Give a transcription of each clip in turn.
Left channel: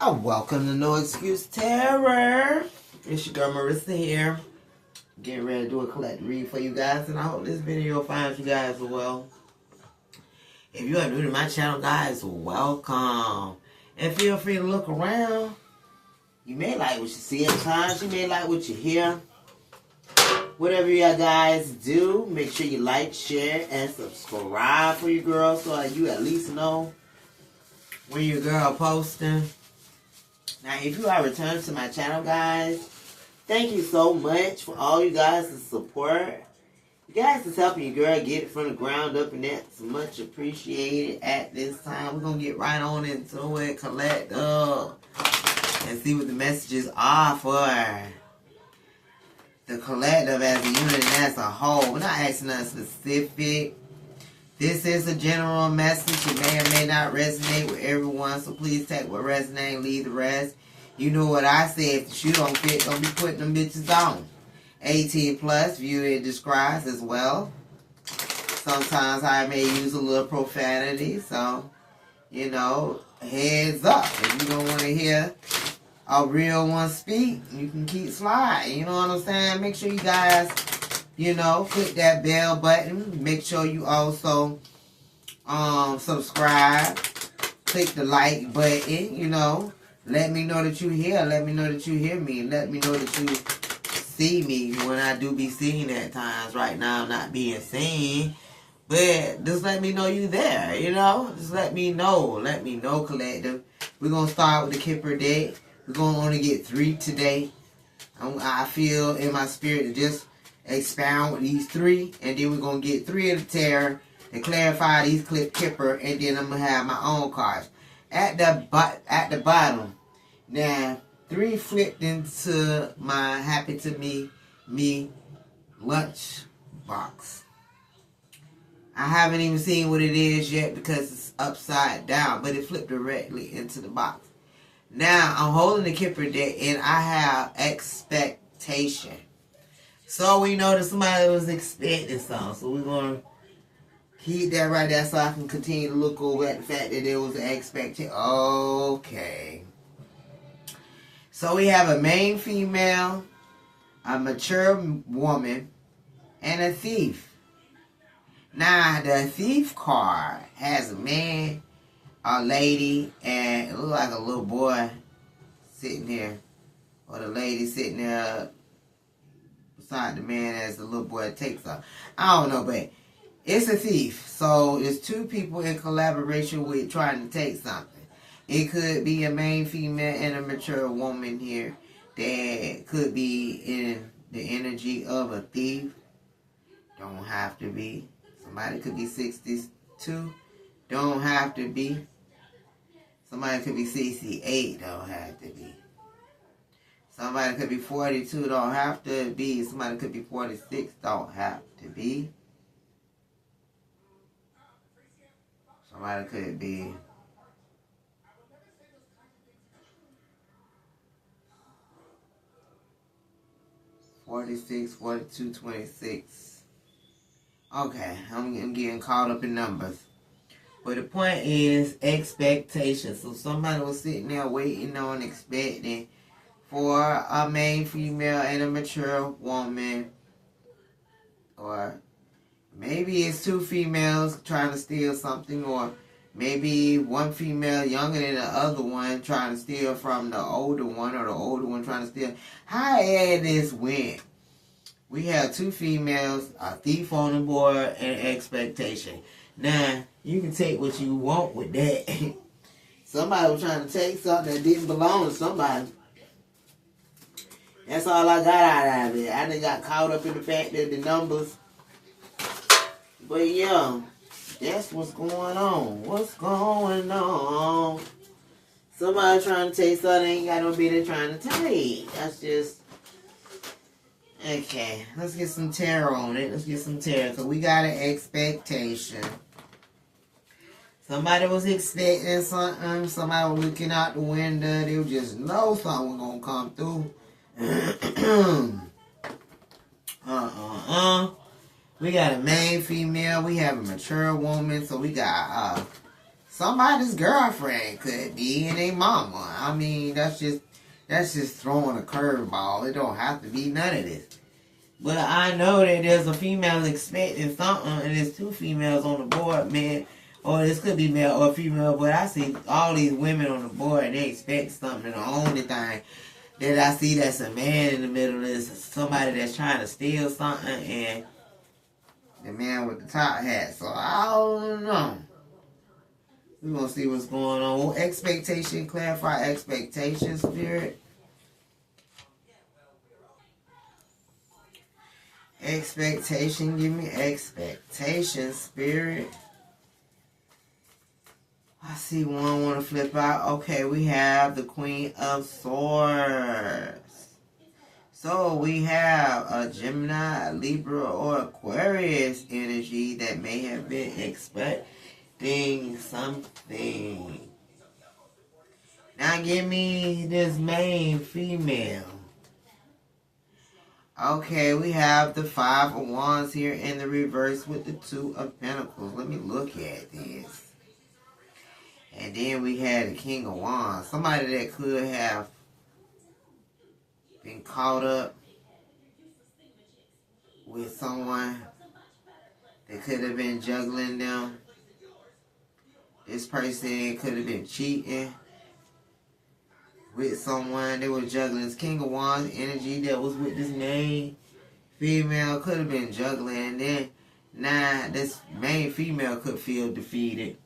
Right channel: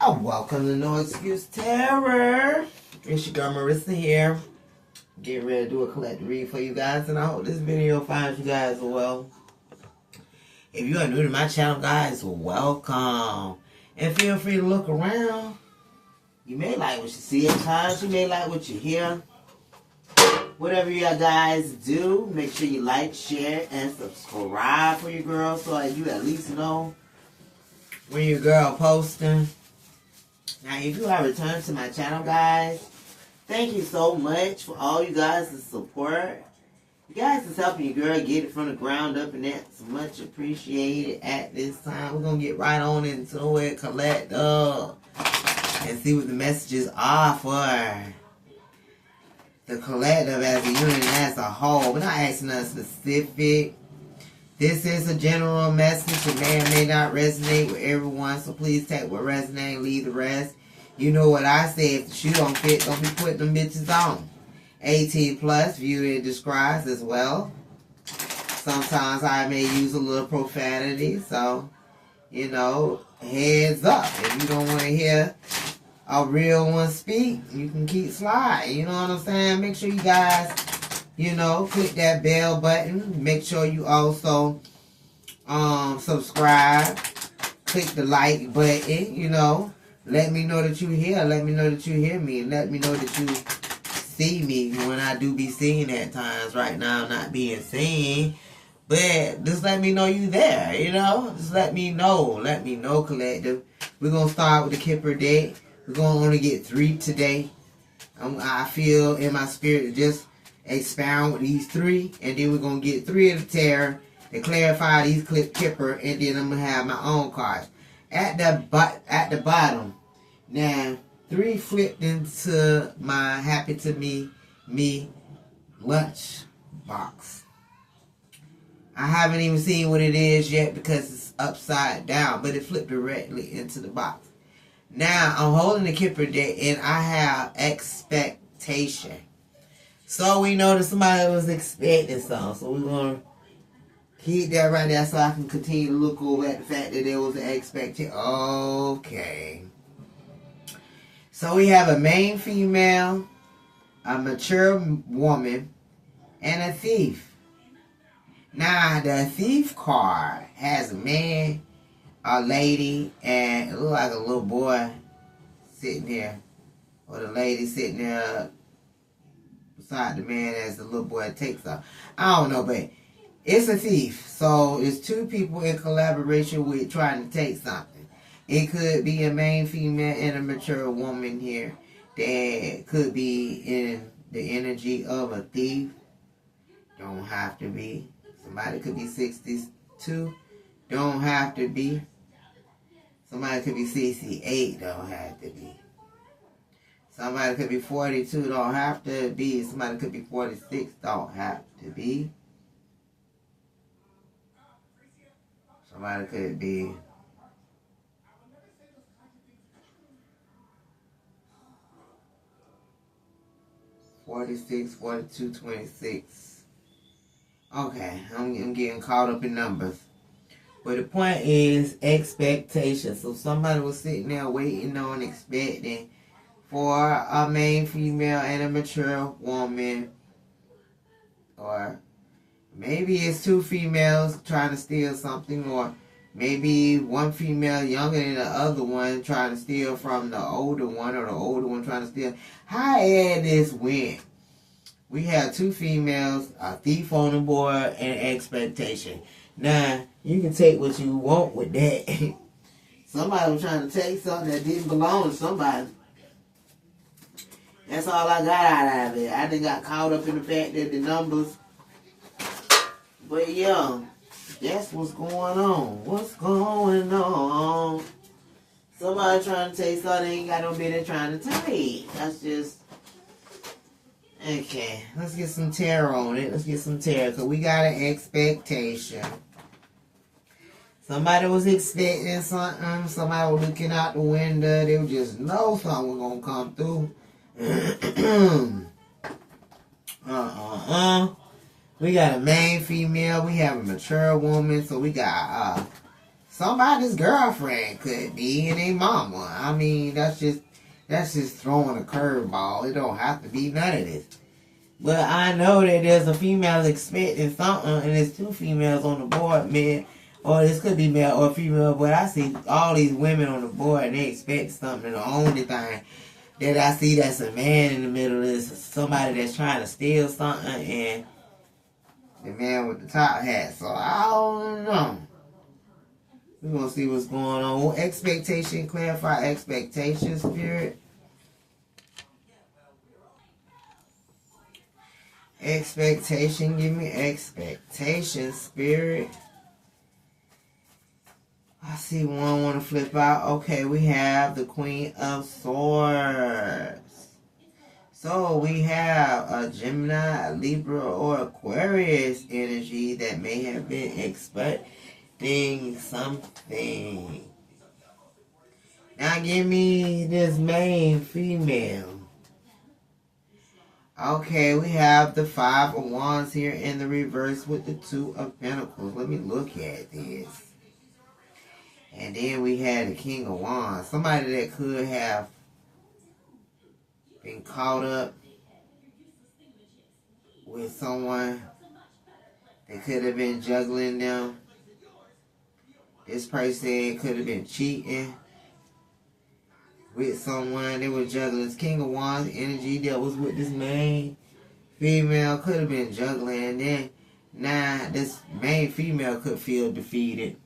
Welcome to No Excuse Terror. It's your girl Marissa here. Getting ready to do a collect read for you guys, and I hope this video finds you guys well. If you are new to my channel, guys, welcome. And feel free to look around. You may like what you see at times. You may like what you hear. Whatever you guys do, make sure you like, share, and subscribe for your girl so that you at least know when your girl posting. Now, if you are returned to my channel, guys, thank you so much for all you guys' support. You guys is helping your girl get it from the ground up, and that's much appreciated at this time. We're going to get right on into it, collect up, and see what the messages are for the collective as a unit as a whole. We're not asking nothing specific. This is a general message that may or may not resonate with everyone, so please take what resonates and leave the rest. You know what I say, if the shoe don't fit, don't be putting them bitches on. 18 plus, view it describes as well. Sometimes I may use a little profanity, so, you know, heads up. If you don't want to hear a real one speak, you can keep sliding. You know what I'm saying? Make sure you guys, you know, click that bell button. Make sure you also subscribe. Click the like button, you know. Let me know that you're here. Let me know that you hear me. Let me know that you see me when I do be seen at times. Right now I'm not being seen. But just let me know you there, you know. Just let me know. Let me know, collective. We're going to start with the Kipper deck. We're going to only get 3 today. I feel in my spirit to just expound with these 3. And then we're going to get 3 of the tarot and clarify these Kipper. And then I'm going to have my own cards. At the bottom, now 3 flipped into my Happy to Me lunch box. I haven't even seen what it is yet because it's upside down, but it flipped directly into the box. Now I'm holding the Kipper deck and I have expectation. So we know that somebody was expecting something, so we're gonna keep that right there so I can continue to look over at the fact that there was an expectation. Okay. So we have a main female, a mature woman, and a thief. Now, the thief card has a man, a lady, and it looks like a little boy sitting there. Or the lady sitting there beside the man as the little boy takes off. I don't know, but it's a thief. So it's 2 people in collaboration with trying to take something. It could be a main female and a mature woman here that could be in the energy of a thief. Don't have to be. Somebody could be 62. Don't have to be. Somebody could be 68. Don't have to be. Somebody could be 42. Don't have to be. Somebody could be 46. Don't have to be. Somebody could be 46, 42, 26. Okay, I'm getting caught up in numbers. But the point is expectation. So somebody was sitting there waiting on, expecting for a main female and a mature woman. Or maybe it's 2 females trying to steal something, or maybe one female younger than the other one trying to steal from the older one, or the older one trying to steal. However this went, we have 2 females, a thief on the board, and expectation. Now, you can take what you want with that. Somebody was trying to take something that didn't belong to somebody. That's all I got out of it. I done got caught up in the fact that the numbers. But yeah, that's what's going on. What's going on? Somebody trying to take something ain't got no business trying to take. That's just. Okay, let's get some tarot on it. Let's get some tarot, because we got an expectation. Somebody was expecting something. Somebody was looking out the window. They would just know something was going to come through. We got a main female. We have a mature woman. So we got somebody's girlfriend could be and a mama. I mean, that's just throwing a curveball. It don't have to be none of this. But I know that there's a female expecting something, and there's two females on the board, man. Or this could be male or female, but I see all these women on the board, and they expect something. The only thing that I see that's a man in the middle is somebody that's trying to steal something, and the man with the top hat. So I don't know. We're going to see what's going on. Expectation, clarify expectation, Spirit. Expectation, give me expectation, Spirit. I see one want to flip out. Okay, we have the Queen of Swords. So we have a Gemini, a Libra, or Aquarius energy that may have been expecting something. Now give me this main female. Okay, we have the Five of Wands here in the reverse with the Two of Pentacles. Let me look at this. And then we had the King of Wands. Somebody that could have been caught up with someone that could have been juggling them. This person could have been cheating with someone. They were juggling. This King of Wands energy that was with this main female could have been juggling. And then now this main female could feel defeated.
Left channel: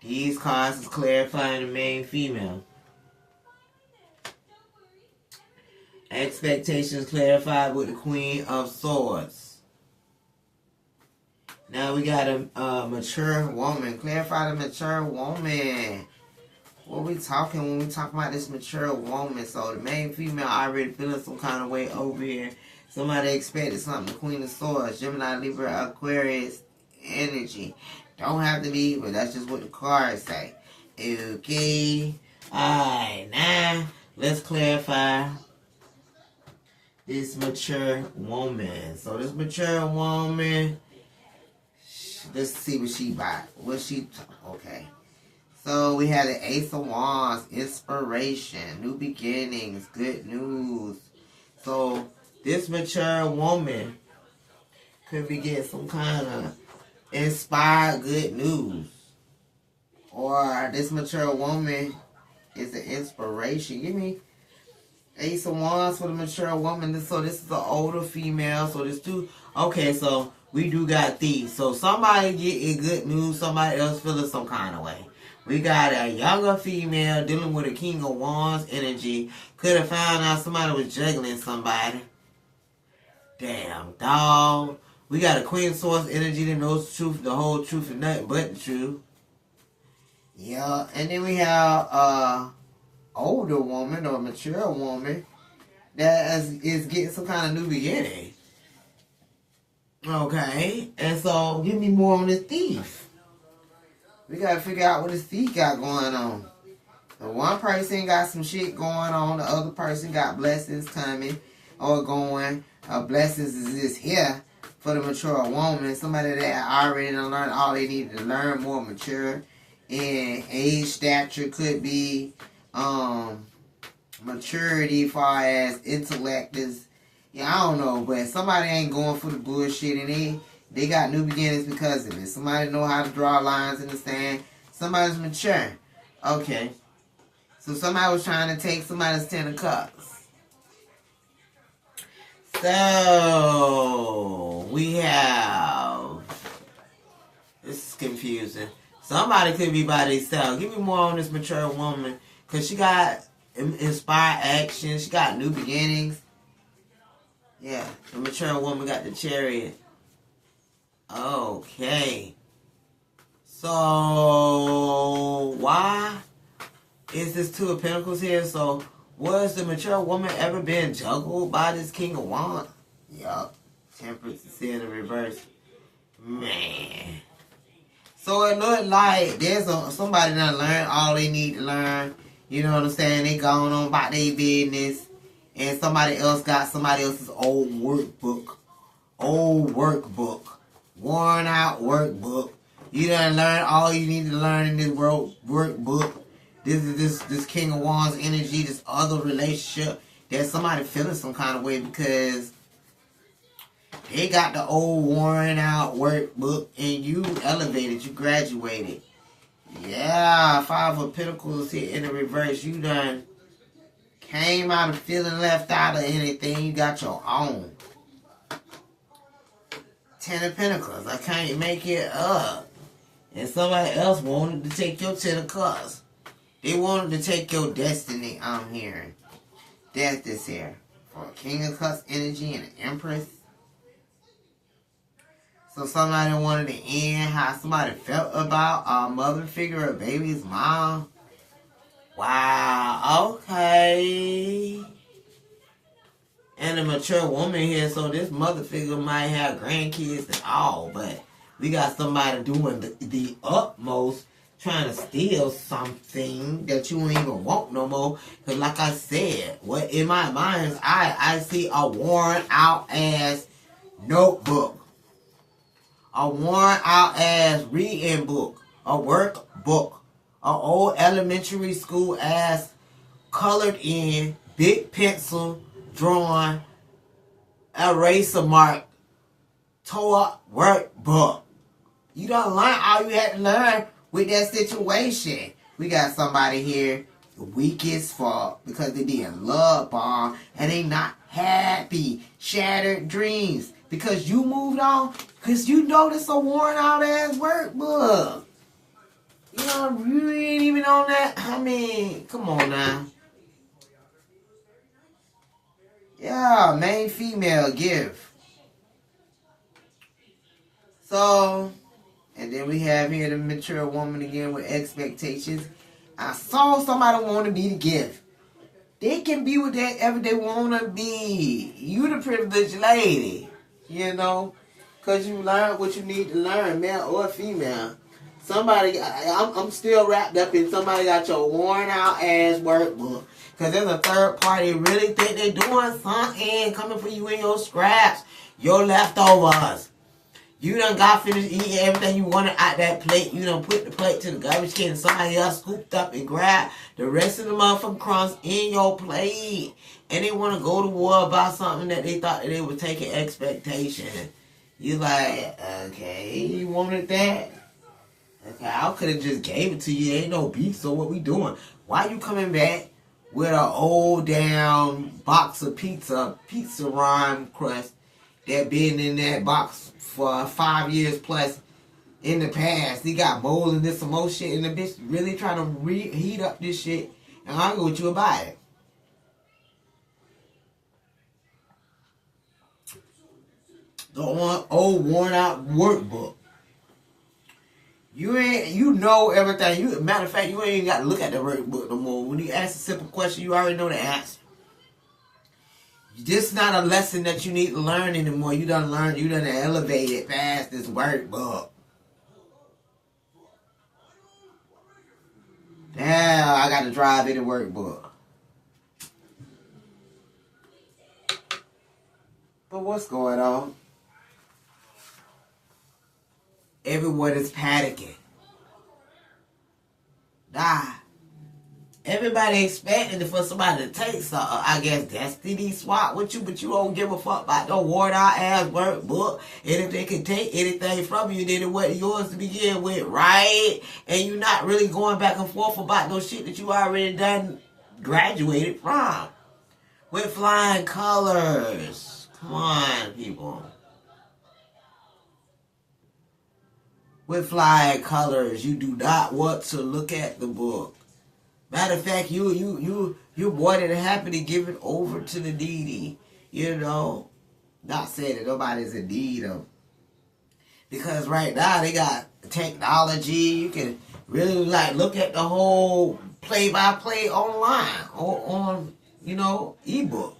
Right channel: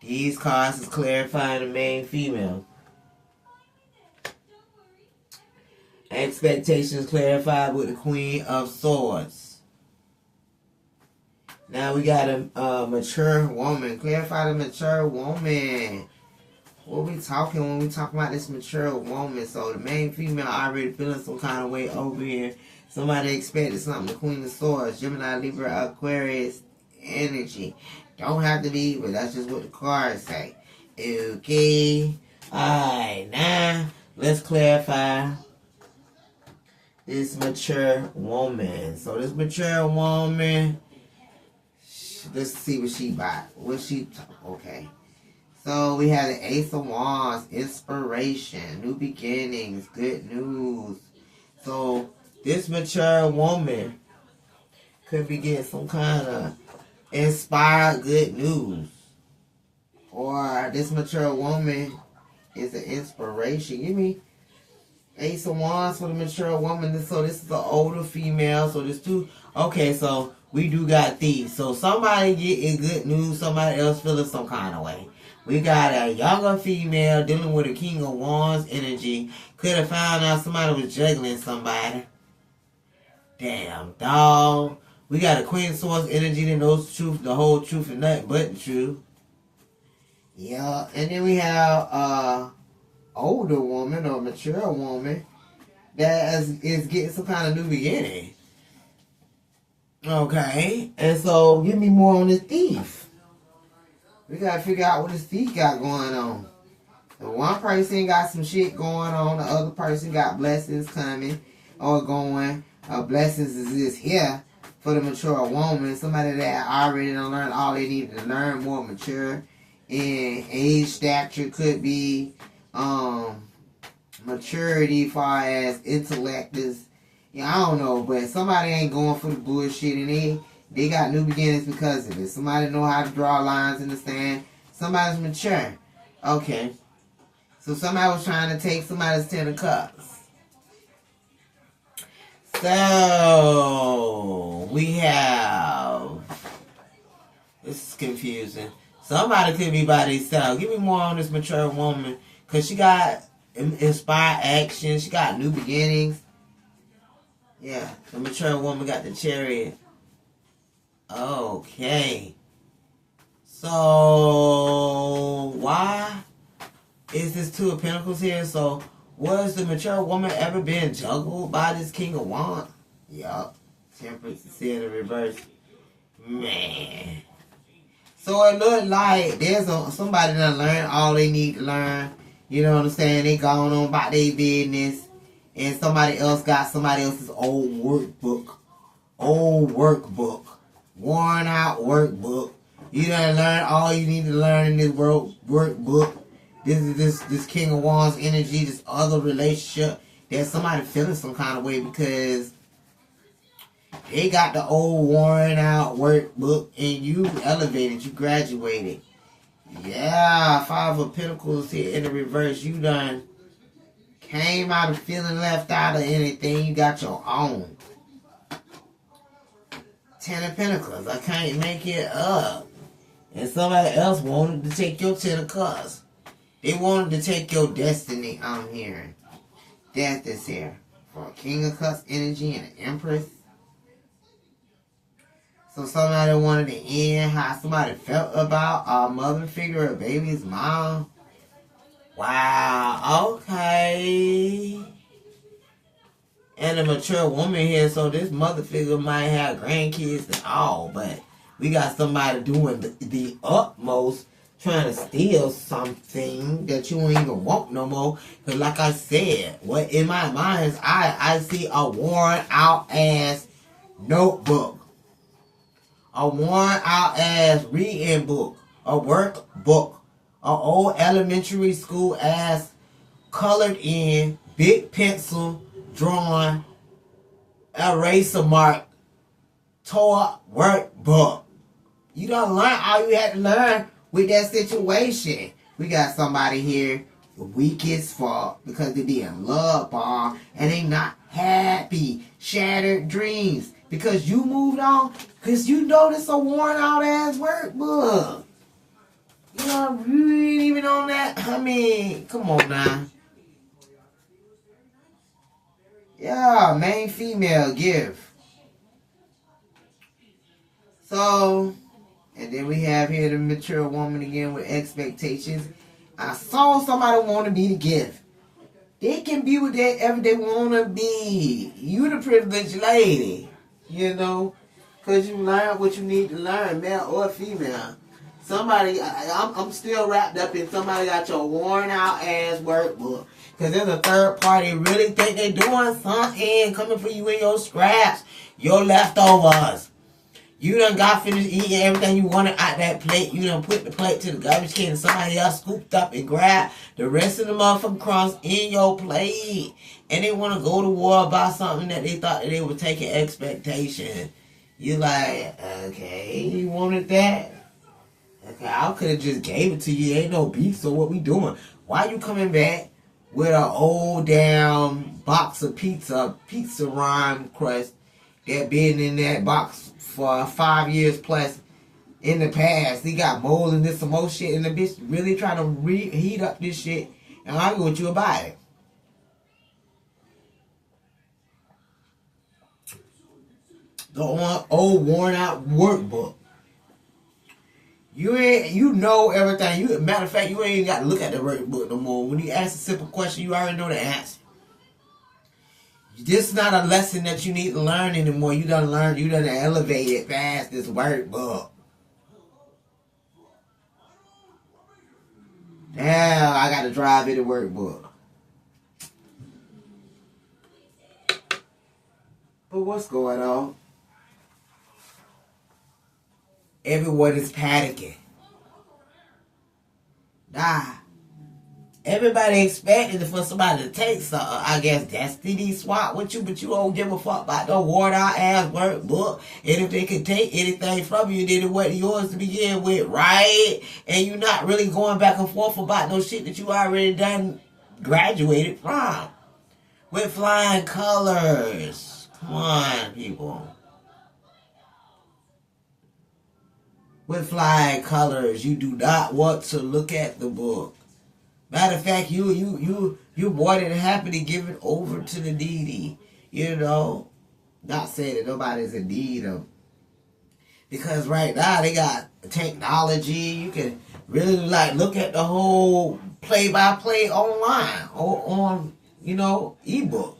These cards is clarifying the main female. Expectations clarified with the Queen of Swords. Now we got a mature woman. Clarify the mature woman. What we talking when we talk about this mature woman? So the main female already feeling some kind of way over here. Somebody expected something. The Queen of Swords, Gemini, Libra, Aquarius energy. Don't have to be, but that's just what the cards say. Okay. Alright, now let's clarify this mature woman. So this mature woman, let's see what she bought. Okay. So we have the Ace of Wands, inspiration, new beginnings, good news. So this mature woman could be getting some kind of inspired good news. Or this mature woman is an inspiration. Give me Ace of Wands for the mature woman. So this is an older female. So there's two. Okay, so we do got these. So somebody getting good news. Somebody else feeling some kind of way. We got a younger female dealing with a King of Wands energy. Could have found out somebody was juggling somebody. Damn, dog. We got a Queen of Swords energy that knows the truth, the whole truth, and nothing but the truth. Yeah, and then we have older woman or mature woman that is getting some kind of new beginning. Okay, and so give me more on this thief. We gotta figure out what this thief got going on. The one person got some shit going on, the other person got blessings coming or going. Blessings is here for the mature woman, somebody that already done learned all they needed to learn, more mature in age, stature, could be maturity far as intellect is. Yeah, I don't know, but somebody ain't going for the bullshit, and they got new beginnings because of it. Somebody know how to draw lines in the sand. Somebody's mature. Okay. So somebody was trying to take somebody's 10 of cups. So we have, this is confusing. Somebody could be by themselves. Give me more on this mature woman, because she got inspired action. She got new beginnings. Yeah, the mature woman got the Chariot. Okay. So why is this Two of Pentacles here? So was the mature woman ever been juggled by this King of Wands? Yup. Temperance is here in the reverse. Man. So it looked like there's somebody that learned all they need to learn. You know what I'm saying? They going on about their business. And somebody else got somebody else's old workbook. Worn out workbook. You done learn all you need to learn in this workbook. This is this King of Wands energy, this other relationship. There's somebody feeling some kind of way because they got the old worn out workbook and you elevated, you graduated. Yeah, Five of Pentacles here in the reverse. You done came out of feeling left out of anything. You got your own. Ten of Pentacles. I can't make it up. And somebody else wanted to take your Ten of Cups. They wanted to take your destiny, I'm hearing. Death is here. For a King of Cups energy and an Empress. So somebody wanted to end how somebody felt about a mother figure, a baby's mom. Wow, okay. And a mature woman here, so this mother figure might have grandkids and all, but we got somebody doing the utmost, trying to steal something that you ain't even want no more. Because like I said, what in my mind is I see a worn out ass notebook. A worn out ass reading book. A workbook. A old elementary school ass colored in, big pencil, drawn, eraser mark, tore workbook. You don't learn all you had to learn with that situation. We got somebody here weak as fuck because they be in love bomb and they not happy. Shattered dreams because you moved on because you noticed a worn out ass workbook. You know, you ain't even on that. I mean, come on now. Yeah, main female give. So, and then we have here the mature woman again with expectations. I saw somebody want to be the gift. They can be whatever they want to be. You the privileged lady, you know, because you learn what you need to learn, male or female. Somebody, I'm still wrapped up in somebody got your worn out ass workbook. Because there's a third party really think they doing something coming for you in your scraps, your leftovers. You done got finished eating everything you wanted out that plate. You done put the plate to the garbage can and somebody else scooped up and grabbed the rest of the motherfucking crumbs in your plate. And they want to go to war about something that they thought that they were taking expectation. You like, okay, you wanted that? Okay, I could have just gave it to you. Ain't no beef, so what we doing? Why you coming back with an old damn box of pizza rhyme crust that been in that box for 5 years plus in the past? He got mold and this some more shit, and the bitch really trying to reheat up this shit and argue with you about it. The old worn out workbook. You know everything. Matter of fact, you ain't got to look at the workbook no more. When you ask a simple question, you already know the answer. This not a lesson that you need to learn anymore. You done learned. You done elevated past this workbook. Damn, I got to drive in the workbook. But what's going on? Everyone is panicking. Nah. Everybody expected for somebody to take something. I guess destiny swap with you, but you don't give a fuck about no worn out ass workbook. And if they can take anything from you, then it wasn't yours to begin with, right? And you're not really going back and forth about no shit that you already done graduated from. With flying colors. Come on, people. With flying colors, you do not want to look at the book. Matter of fact, you more than happy to give it over to the needy. You know, not saying that nobody's in need of. Because right now they got technology. You can really like look at the whole play-by-play online or on, you know, ebook.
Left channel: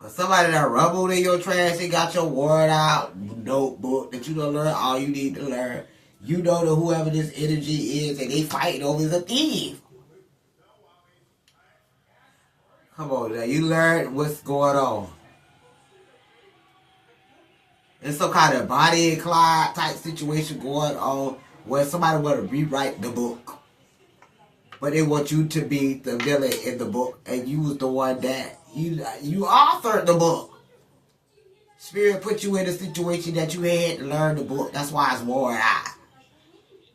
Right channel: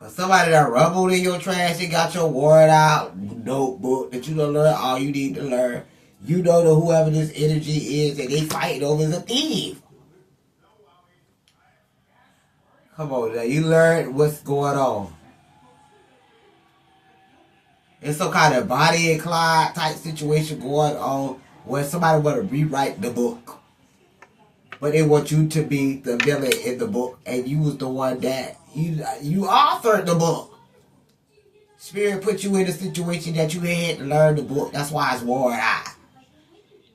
But somebody that rumbled in your trash, they got your word out notebook that you don't learn all you need to learn. You know that whoever this energy is that they fighting over is a thief. Come on now, you learn what's going on. It's some kind of body and Clyde type situation going on where somebody want to rewrite the book. But they want you to be the villain in the book, and you was the one that you authored the book. Spirit put you in a situation that you had to learn the book. That's why it's worn out.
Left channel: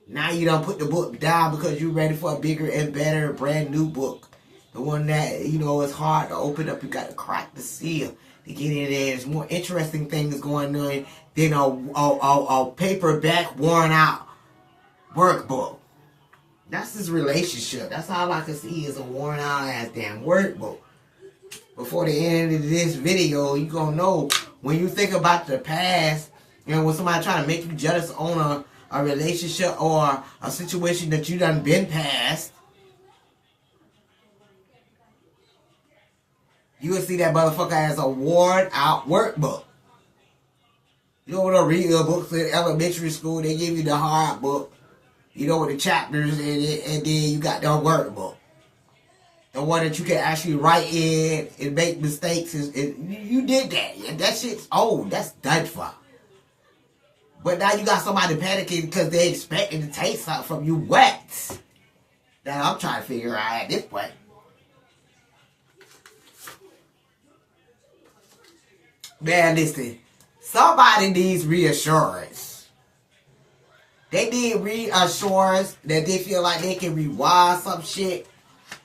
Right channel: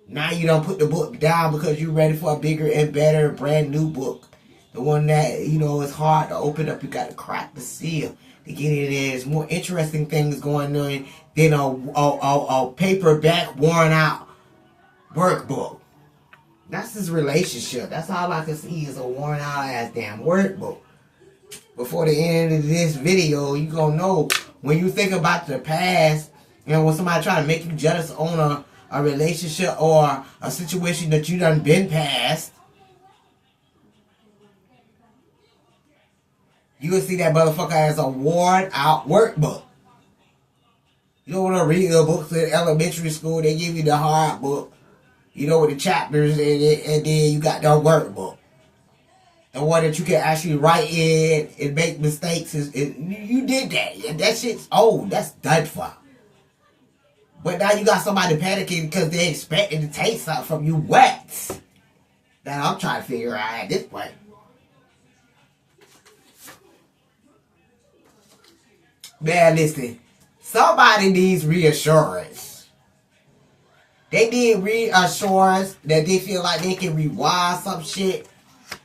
Now you don't put the book down because you're ready for a bigger and better brand new book. The one that, you know, is hard to open up. You got to crack the seal to get in there. There's more interesting things going on than a paperback worn out workbook. That's his relationship. That's all I can see is a worn out ass damn workbook. Before the end of this video, you gonna know when you think about the past and when somebody trying to make you jealous on a relationship or a situation that you done been past, you will see that motherfucker as a worn out workbook. You don't want to read the books in elementary school. They give you the hard book, you know, with the chapters in it, and then you got the workbook. The one that you can actually write in and make mistakes. You did that. That shit's old. That's done for. But now you got somebody panicking because they expecting to take something from you. What? That I'm trying to figure out at this point. Man, listen. Somebody needs reassurance. They need reassurance that they feel like they can rewind some shit.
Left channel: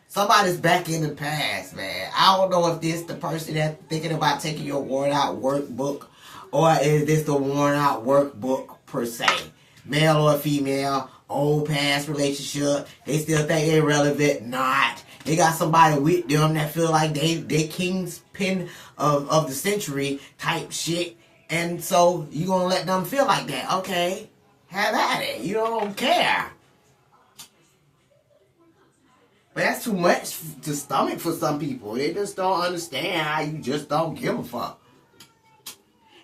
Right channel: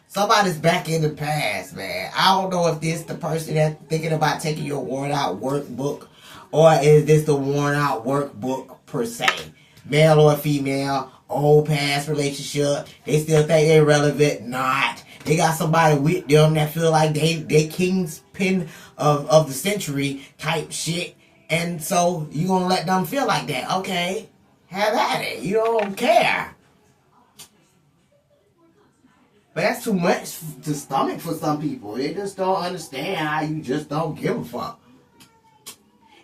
Somebody's back in the past, man. I don't know if this the person that's thinking about taking your worn out workbook, or is this the worn out workbook per se? Male or female, old past relationship, they still think they're relevant, not. They got somebody with them that feel like they kingpin of the century type shit. And so you gonna let them feel like that. Okay, have at it. You don't care. But that's too much to stomach for some people. They just don't understand how you just don't give a fuck.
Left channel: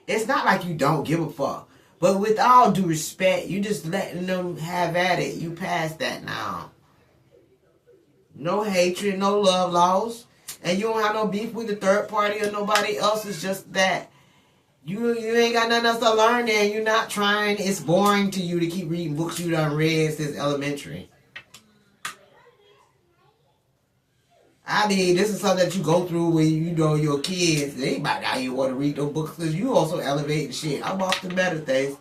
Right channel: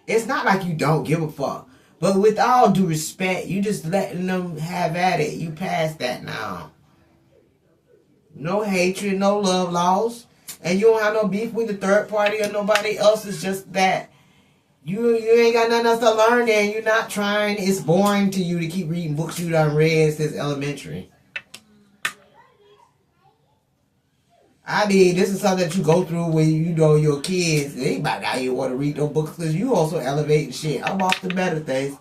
It's not like you don't give a fuck. But with all due respect, you just letting them have at it. You past that now. No hatred, no love lost. And you don't have no beef with the third party or nobody else. It's just that you ain't got nothing else to learn there. You're not trying. It's boring to you to keep reading books you done read since elementary. I mean, this is something that you go through when you know your kids. Anybody out here want to read those books because you also elevate shit. I'm off to better things.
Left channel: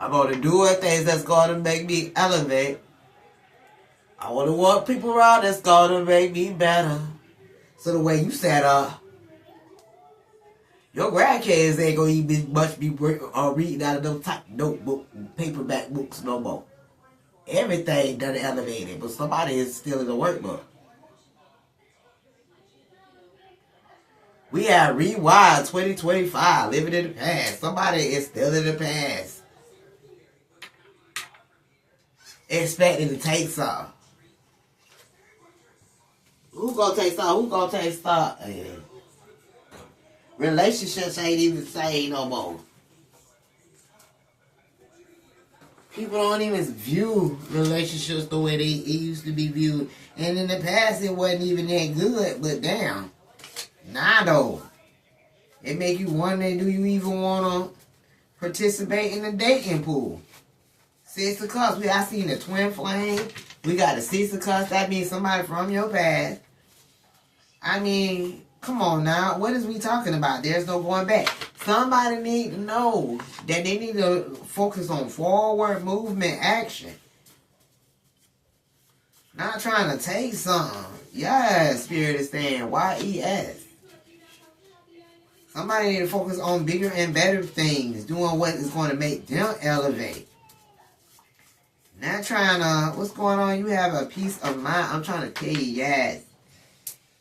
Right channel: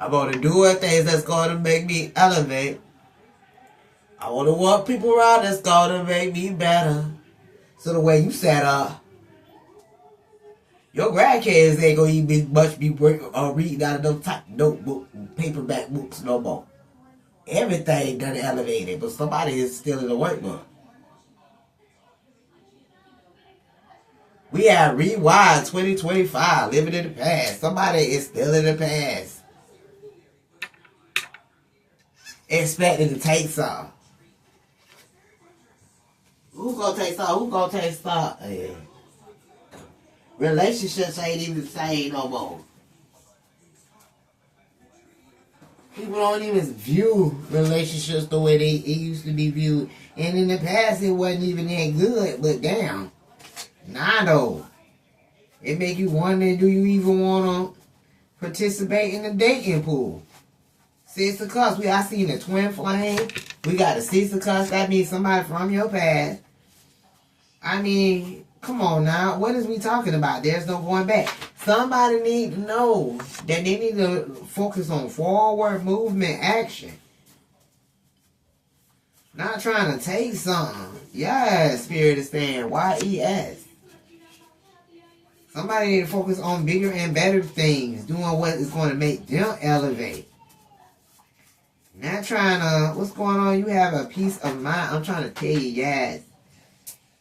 I'm going to do things that's going to make me elevate. I want to want people around that's going to make me better. So the way you set up, your grandkids ain't going to be reading out of those type notebook, paperback books no more. Everything done elevated, but somebody is still in the workbook. We have Rewind 2025, living in the past. Somebody is still in the past. Expecting to take some. Who gonna take some? Who gonna take some? Yeah. Relationships ain't even the same no more. People don't even view relationships the way they used to be viewed. And in the past, it wasn't even that good. But damn. Nah, though. It make you wonder, do you even want to participate in the dating pool? Six of Cups. I seen the twin flame. We got the Six of Cups. That means somebody from your past. I mean, come on now. What is we talking about? There's no going back. Somebody need to know that they need to focus on forward movement action. Not trying to take something. Yes, Spirit is saying YES. Somebody need to focus on bigger and better things. Doing what is going to make them elevate. Not trying to, what's going on? You have a peace of mind. I'm trying to tell you, yes.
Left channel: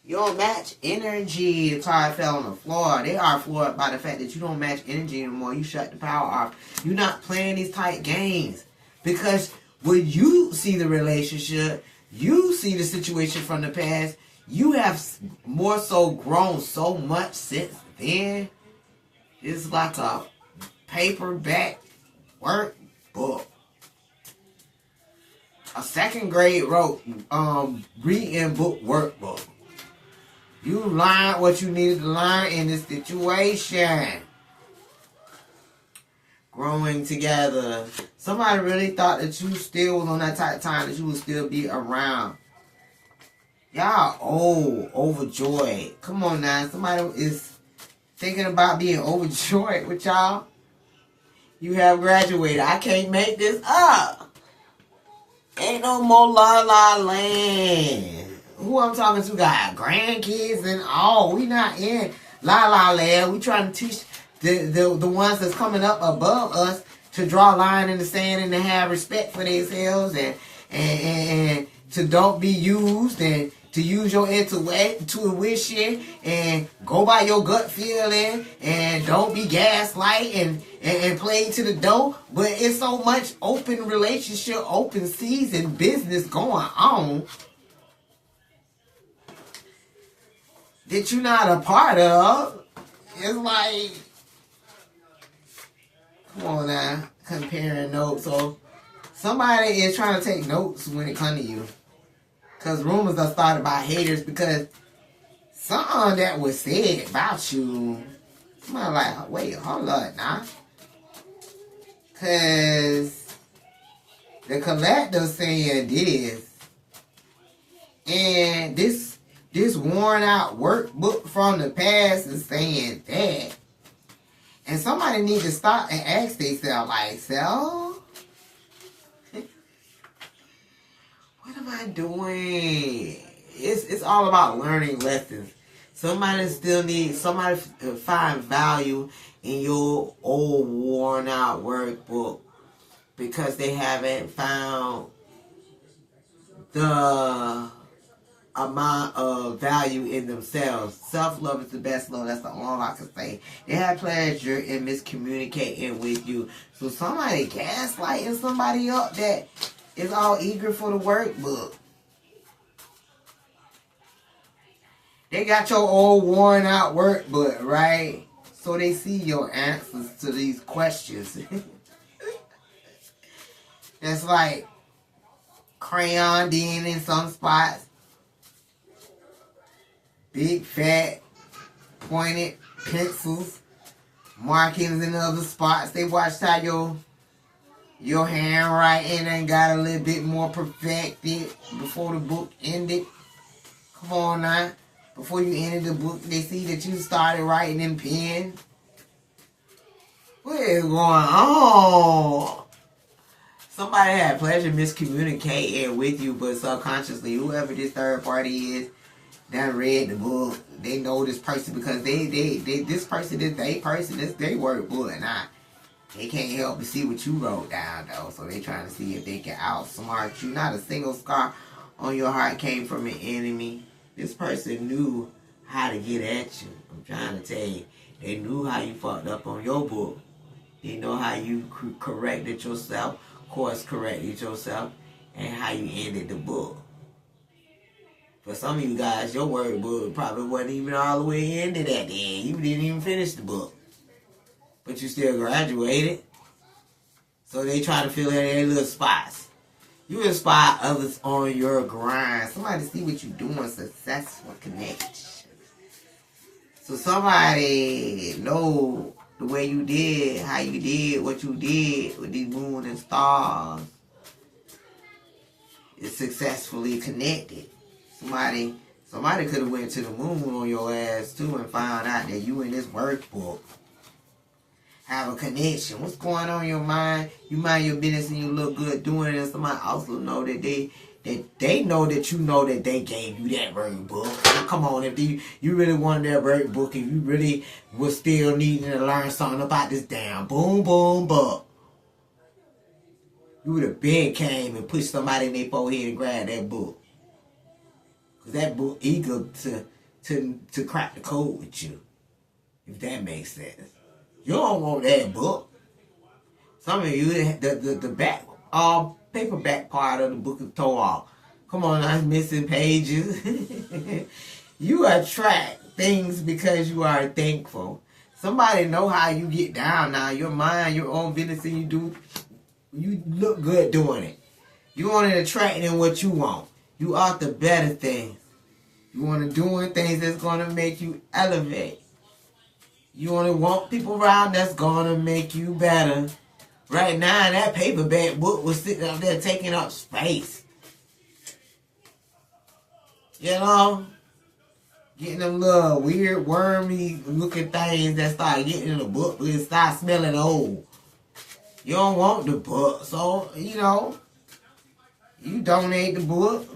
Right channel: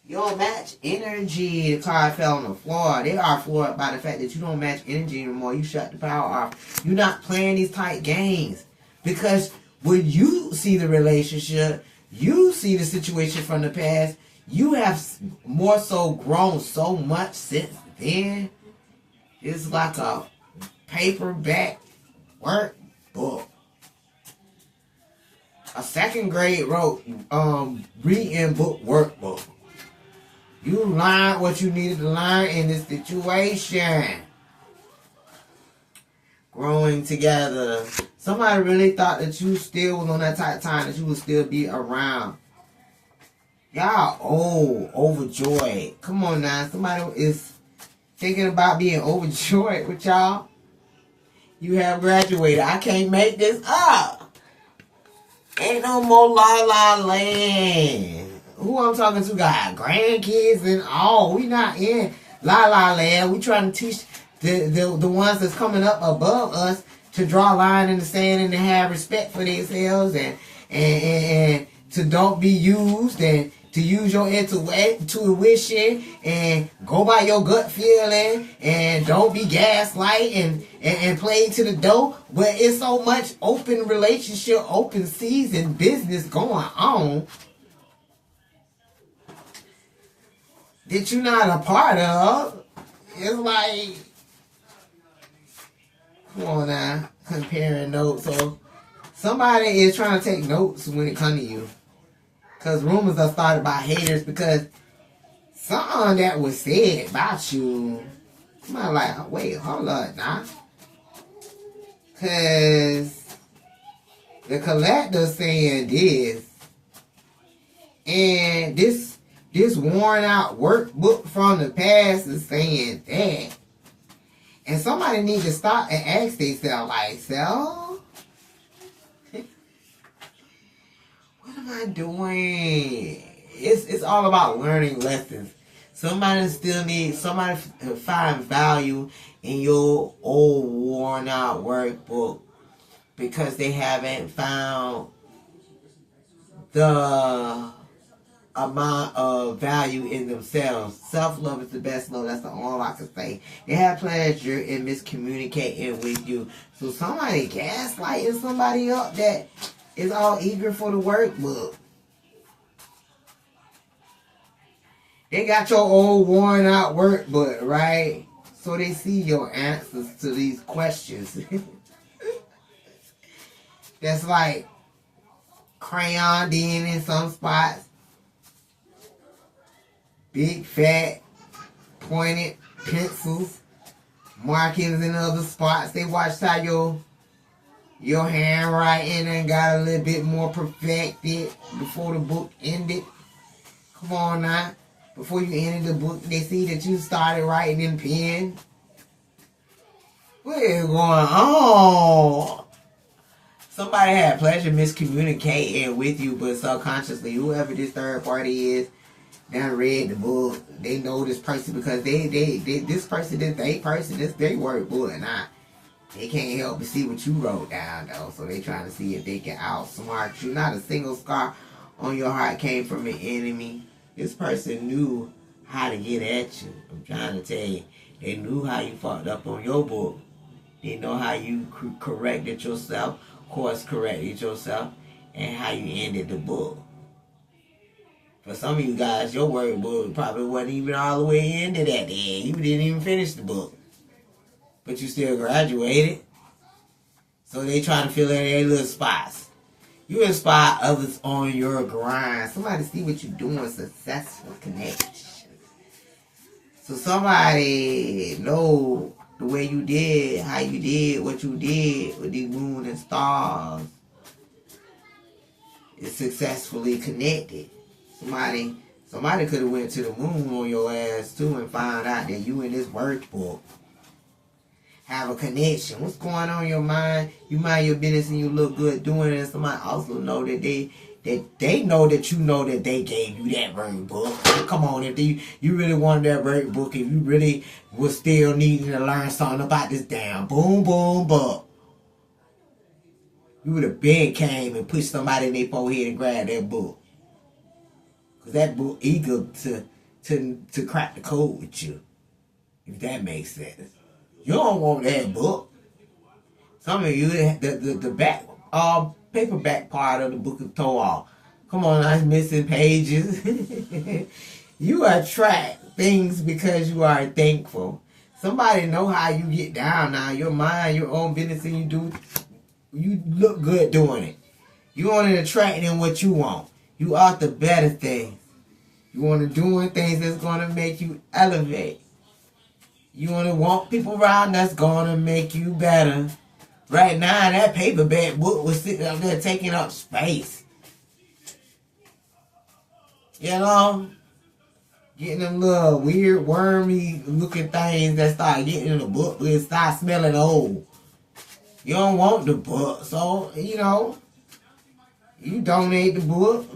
You don't match energy. The card fell on the floor. They are floored by the fact that you don't match energy anymore. You shut the power off. You're not playing these tight games. Because when you see the relationship, you see the situation from the past, you have more so grown so much since then. It's like a paperback workbook. A second grade reading book workbook. You learned what you needed to learn in this situation. growing together. Somebody really thought that you still was on that type of time that you would still be around. Y'all old, overjoyed. Come on now. Somebody is thinking about being overjoyed with y'all. You have graduated. I can't make this up. Ain't no more la la land. Who I'm talking to got grandkids and all. We not in la la land. We trying to teach the ones that's coming up above us to draw a line in the sand and to have respect for themselves and to don't be used and to use your intuition and go by your gut feeling and don't be gaslight and play to the door. But it's so much open relationship, open season business going on that you're not a part of. It's like, come on now, comparing notes. So somebody is trying to take notes when it comes to you. Because rumors are started by haters because something that was said about you, I'm like, wait, hold up now. Because the collector saying this, and this worn out workbook from the past is saying that. And somebody needs to stop and ask themselves, like, what am I doing? It's all about learning lessons. Somebody to find value in your old worn out workbook because they haven't found the amount of value in themselves. Self-love is the best love. That's all I can say. They have pleasure in miscommunicating with you. So somebody gaslighting somebody up that is all eager for the workbook. They got your old worn out workbook, right? So they see your answers to these questions. That's like crayon in some spots. Big fat pointed pencils. Markings in other spots. They watched how your handwriting and got a little bit more perfected before the book ended. Come on now. Before you ended the book, they see that you started writing in pen. What is going on? Somebody had pleasure miscommunicating with you, but subconsciously, whoever this third party is, done read the book. They know this person because this person is their person. This their workbook, and they can't help but see what you wrote down, though. So they trying to see if they can outsmart you. Not a single scar on your heart came from an enemy. This person knew how to get at you. I'm trying to tell you. They knew how you fucked up on your book. They know how you corrected yourself, course corrected yourself, and how you ended the book. For some of you guys, your workbook probably wasn't even all the way into that day. You didn't even finish the book. But you still graduated. So they trying to fill in their little spots. You inspire others on your grind. Somebody see what you're doing. Successful connection. So somebody know the way you did, how you did, what you did with these moon and stars. Is successfully connected. Somebody could have went to the moon on your ass too and found out that you in this workbook. Have a connection. What's going on in your mind? You mind your business and you look good doing it, and somebody also know that they know that you know that they gave you that workbook. Come on, if you really wanted that workbook, if you really was still needing to learn something about this damn boom book, you would have been came and pushed somebody in their forehead and grabbed that book. Cause that book eager to crack the code with you. If that makes sense. You don't want that book. Some of you, the back, paperback part of the book is tore off. Come on, I'm missing pages. You attract things because you are thankful. Somebody know how you get down now. Your mind, your own business, and you look good doing it. You want to attract in what you want. You are the better things. You want to doing things that's going to make you elevate. You want to want people around that's going to make you better. Right now, that paperback book was sitting up there taking up space. You know? Getting them little weird, wormy looking things that start getting in the book. It start smelling old. You don't want the book. So, you know, you donate the book.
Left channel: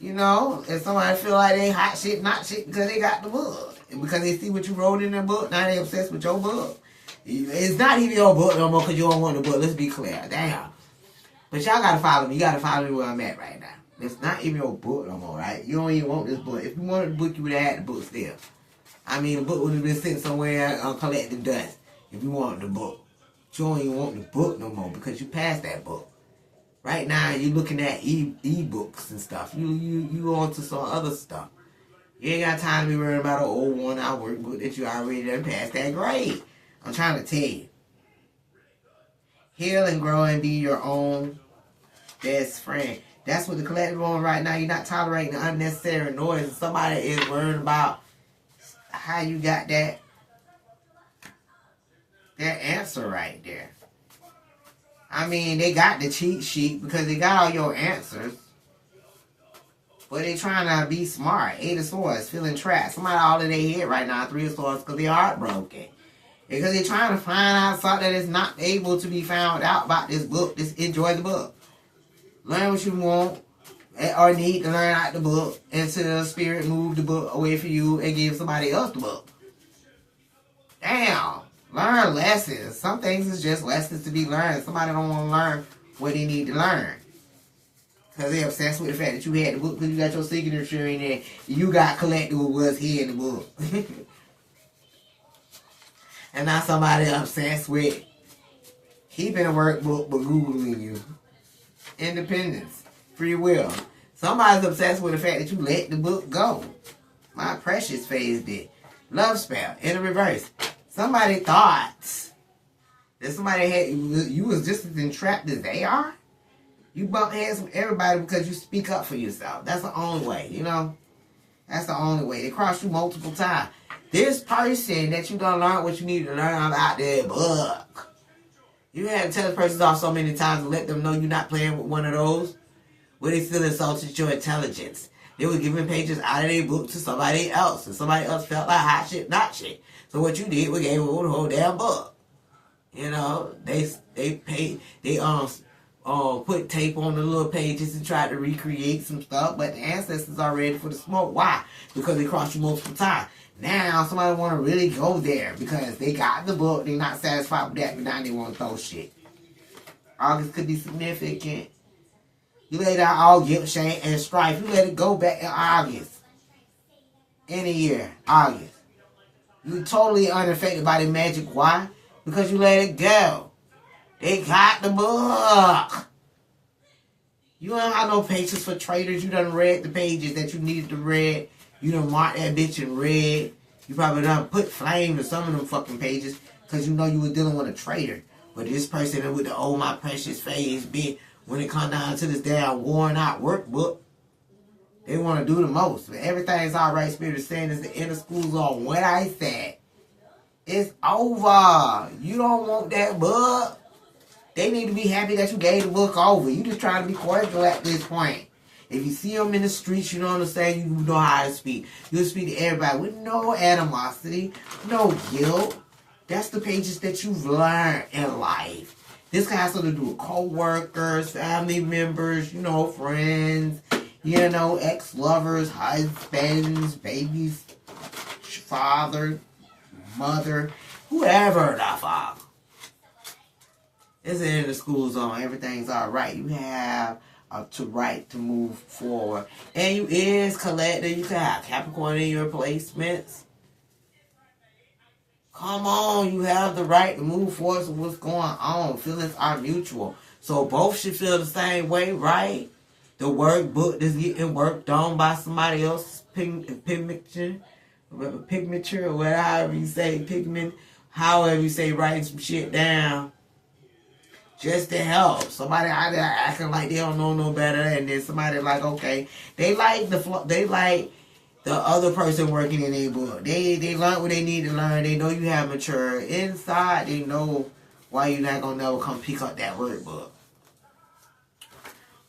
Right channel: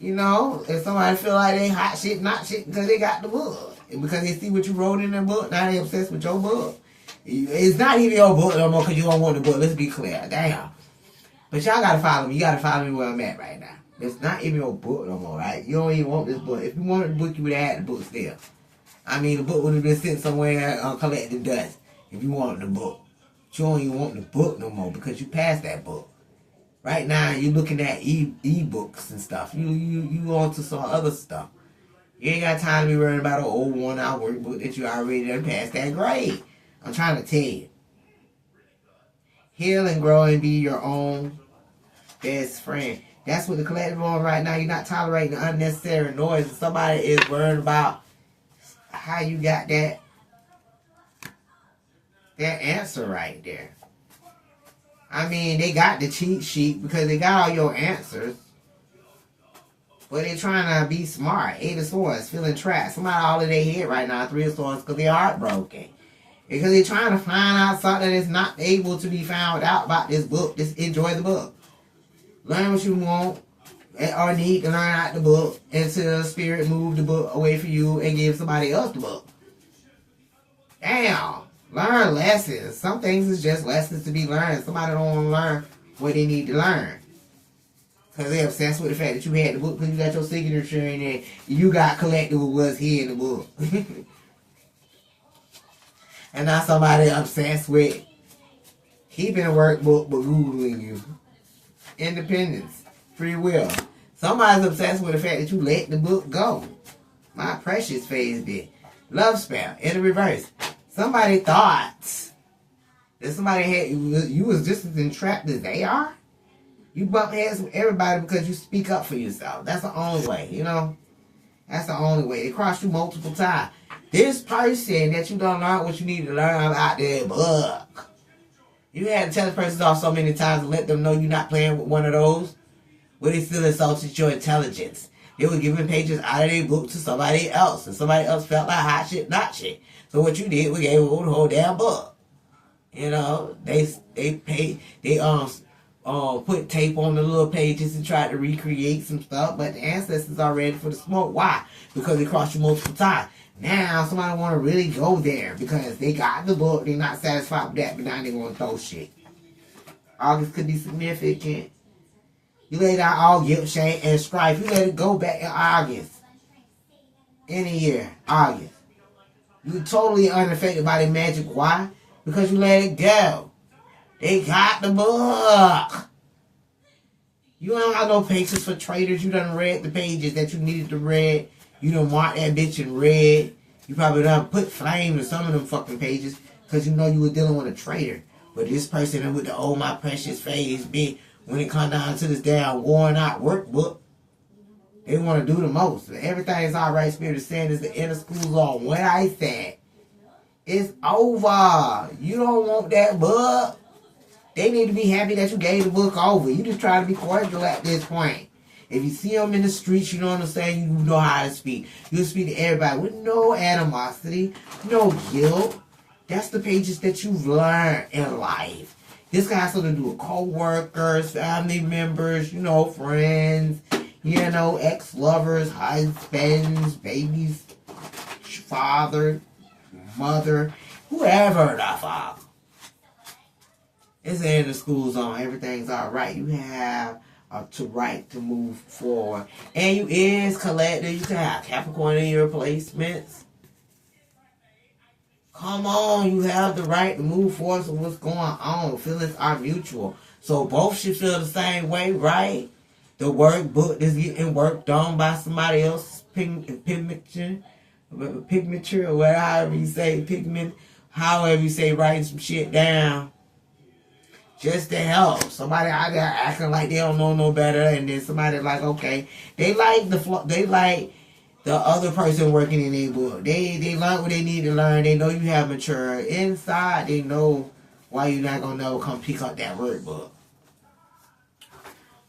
You know, if somebody feel like they hot shit, not shit because they got the book. And because they see what you wrote in the book, now they obsessed with your book. It's not even your book no more because you don't want the book. Let's be clear. Damn. But y'all got to follow me. You got to follow me where I'm at right now. It's not even your book no more, right? You don't even want this book. If you wanted the book, you would have had the book still. I mean, the book would have been sent somewhere on collective dust if you wanted the book. But you don't even want the book no more because you passed that book. Right now, you're looking at e-books and stuff. You on to some other stuff. You ain't got time to be worrying about an old one-hour workbook that you already done passed that grade. I'm trying to tell you. Heal and grow and be your own best friend. That's what the collective on right now. You're not tolerating unnecessary noise. And somebody is worried about how you got that answer right there. I mean, they got the cheat sheet because they got all your answers. But they trying to be smart. 8 of Swords, feeling trapped. Somebody all in their head right now, 3 of Swords, because they're heartbroken. Because they're trying to find out something that's not able to be found out about this book. Just enjoy the book. Learn what you want or need to learn out the book until spirit move the book away from you and give somebody else the book. Damn. Learn lessons. Some things is just lessons to be learned. Somebody don't want to learn what they need to learn. Because they're obsessed with the fact that you had the book because you got your signature in there. You got collected with what's here in the book. And now somebody obsessed with keeping a workbook but Googling you. Independence. Free will. Somebody's obsessed with the fact that you let the book go. My precious phase did. Love spell. In the reverse. Somebody thought that somebody had you was just as entrapped as they are. You bump heads with everybody because you speak up for yourself. That's the only way, you know? That's the only way. They cross you multiple times. This person that you don't learn what you need to learn about their book. You had to tell this person off so many times to let them know you're not playing with one of those. Where they still insulted your intelligence. They were giving pages out of their book to somebody else. And somebody else felt like hot shit, not shit. So what you did was gave them the whole damn book. You know, they put tape on the little pages and tried to recreate some stuff, but the ancestors are ready for the smoke. Why? Because they crossed you multiple times. Now somebody want to really go there because they got the book, they're not satisfied with that, but now they want to throw shit. August could be significant. You laid out all guilt, shame, and strife. You let it go back in August. In a year, August. You totally unaffected by the magic. Why? Because you let it go. They got the book. You don't have no patience for traitors. You done read the pages that you needed to read. You done marked that bitch in red. You probably done put flame to some of them fucking pages because you know you were dealing with a traitor. But this person with the oh my precious face bitch, when it comes down to this damn worn out workbook, they want to do the most. But everything's alright, Spirit is saying is the inner school zone. What I said, it's over. You don't want that book. They need to be happy that you gave the book over. You just trying to be cordial at this point. If you see them in the streets, you don't understand, you know how to speak. You speak to everybody with no animosity, no guilt. That's the pages that you've learned in life. This has something to do with co-workers, family members, you know, friends, you know, ex-lovers, husbands, babies, father, mother, whoever the fuck. It's in the school zone. Everything's all right. You have to right to move forward. And you is collective. You can have Capricorn in your placements. Come on, you have the right to move forward with what's going on. Feelings are mutual. So both should feel the same way, right? The workbook is getting worked on by somebody else's pigmenture, or whatever you say, pigment, however you say, writing some shit down. Just to help. Somebody out there acting like they don't know no better, and then somebody like, okay, they like the other person working in their book. They learn what they need to learn. They know you have mature inside. They know why you not gonna never come pick up that workbook?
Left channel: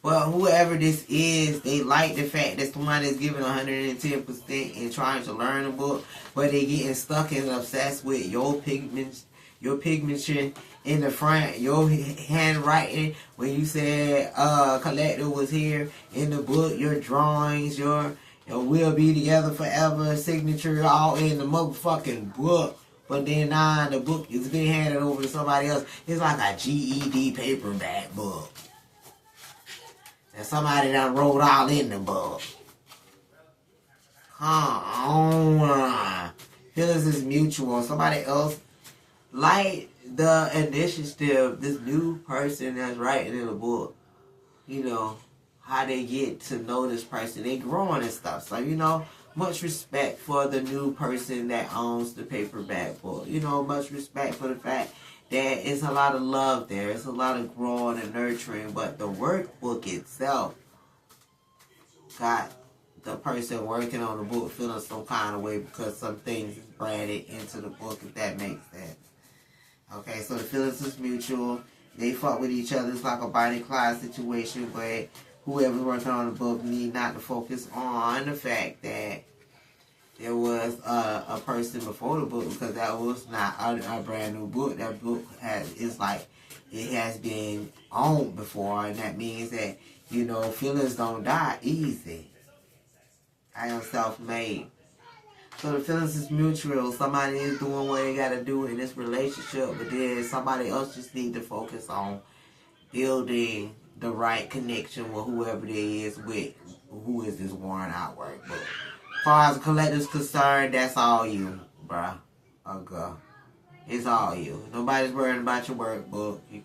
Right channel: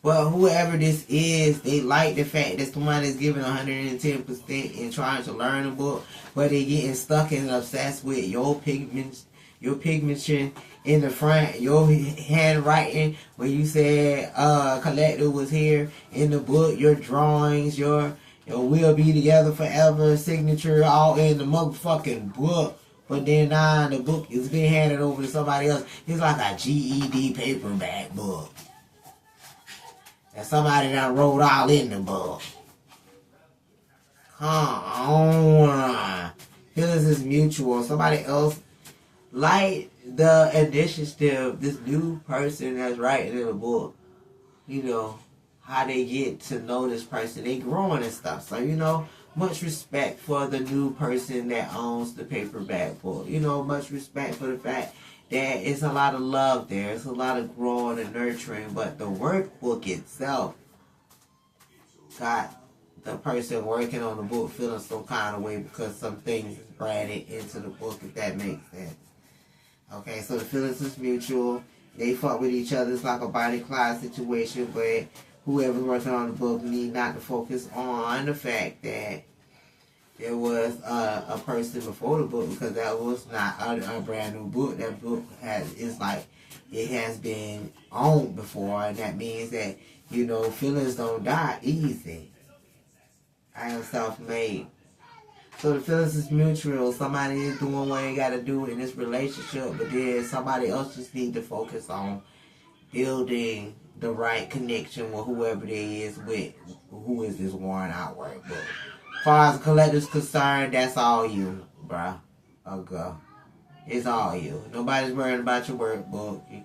Well, whoever this is, they like the fact that somebody is giving 110% and trying to learn a book, but they getting stuck and obsessed with your pigmentation in the front, your handwriting, when you said Collector was here in the book, your drawings, your We'll Be Together Forever signature all in the motherfucking book. But then now the book is being handed over to somebody else. It's like a GED paperback book. And somebody done wrote all in the book. Come on. Feelings is mutual. Somebody else, like the initiative, this new person that's writing in the book, you know, how they get to know this person. They growing and stuff. So, you know, much respect for the new person that owns the paperback book. You know, much respect for the fact that it's a lot of love there. It's a lot of growing and nurturing. But the workbook itself got the person working on the book feeling some kind of way because some things is branded into the book, if that makes sense. Okay, so the feelings is mutual. They fuck with each other. It's like a Bonnie Clyde situation, but whoever's working on the book need not to focus on the fact that there was a person before the book, because that was not a brand new book. That book it has been owned before, and that means that, you know, feelings don't die easy. I am self-made. So the feelings is mutual. Somebody is doing what they gotta do in this relationship, but then somebody else just need to focus on building the right connection with whoever they is with, who is this worn out workbook. As far as the collector's concerned, that's all you, bruh. Or girl. It's all you. Nobody's worrying about your workbook. You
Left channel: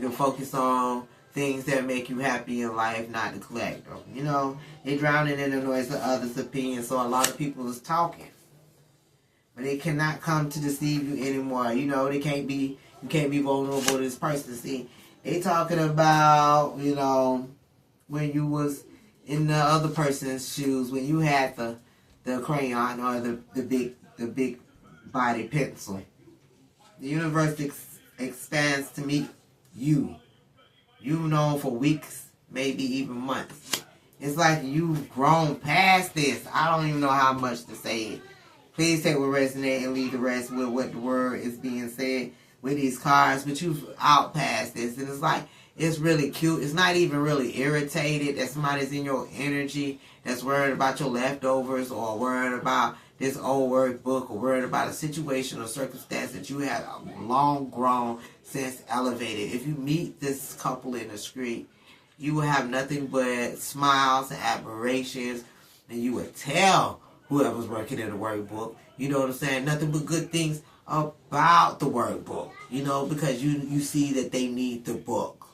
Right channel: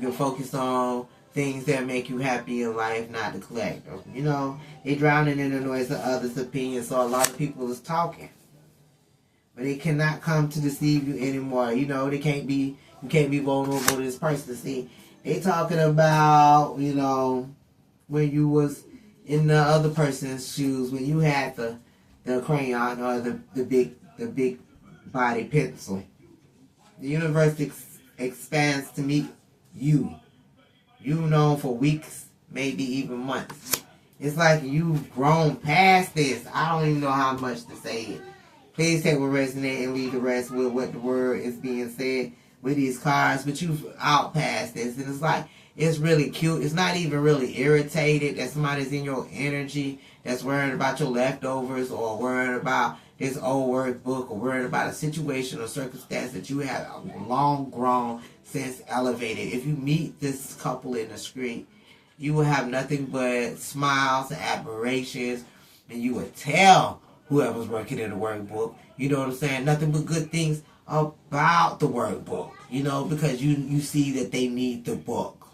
can focus on things that make you happy in life, not the collector. You know, they drowning in the noise of others' opinions, so a lot of people is talking. But they cannot come to deceive you anymore. You know, you can't be vulnerable to this person. See, they talking about, you know, when you was in the other person's shoes, when you had the crayon or the big body pencil. The universe expands to meet you. You've known for weeks, maybe even months. It's like you've grown past this. I don't even know how much to say it. Please take what resonates and leave the rest with what the word is being said with these cards. But you've out past this. And it's like, it's really cute. It's not even really irritated that somebody's in your energy that's worried about your leftovers or worried about this old workbook or worried about a situation or circumstance that you have long grown since elevated. If you meet this couple in the street, you will have nothing but smiles and admirations, and you would tell whoever's working in the workbook, you know what I'm saying, nothing but good things about the workbook, you know, because you see that they need the book.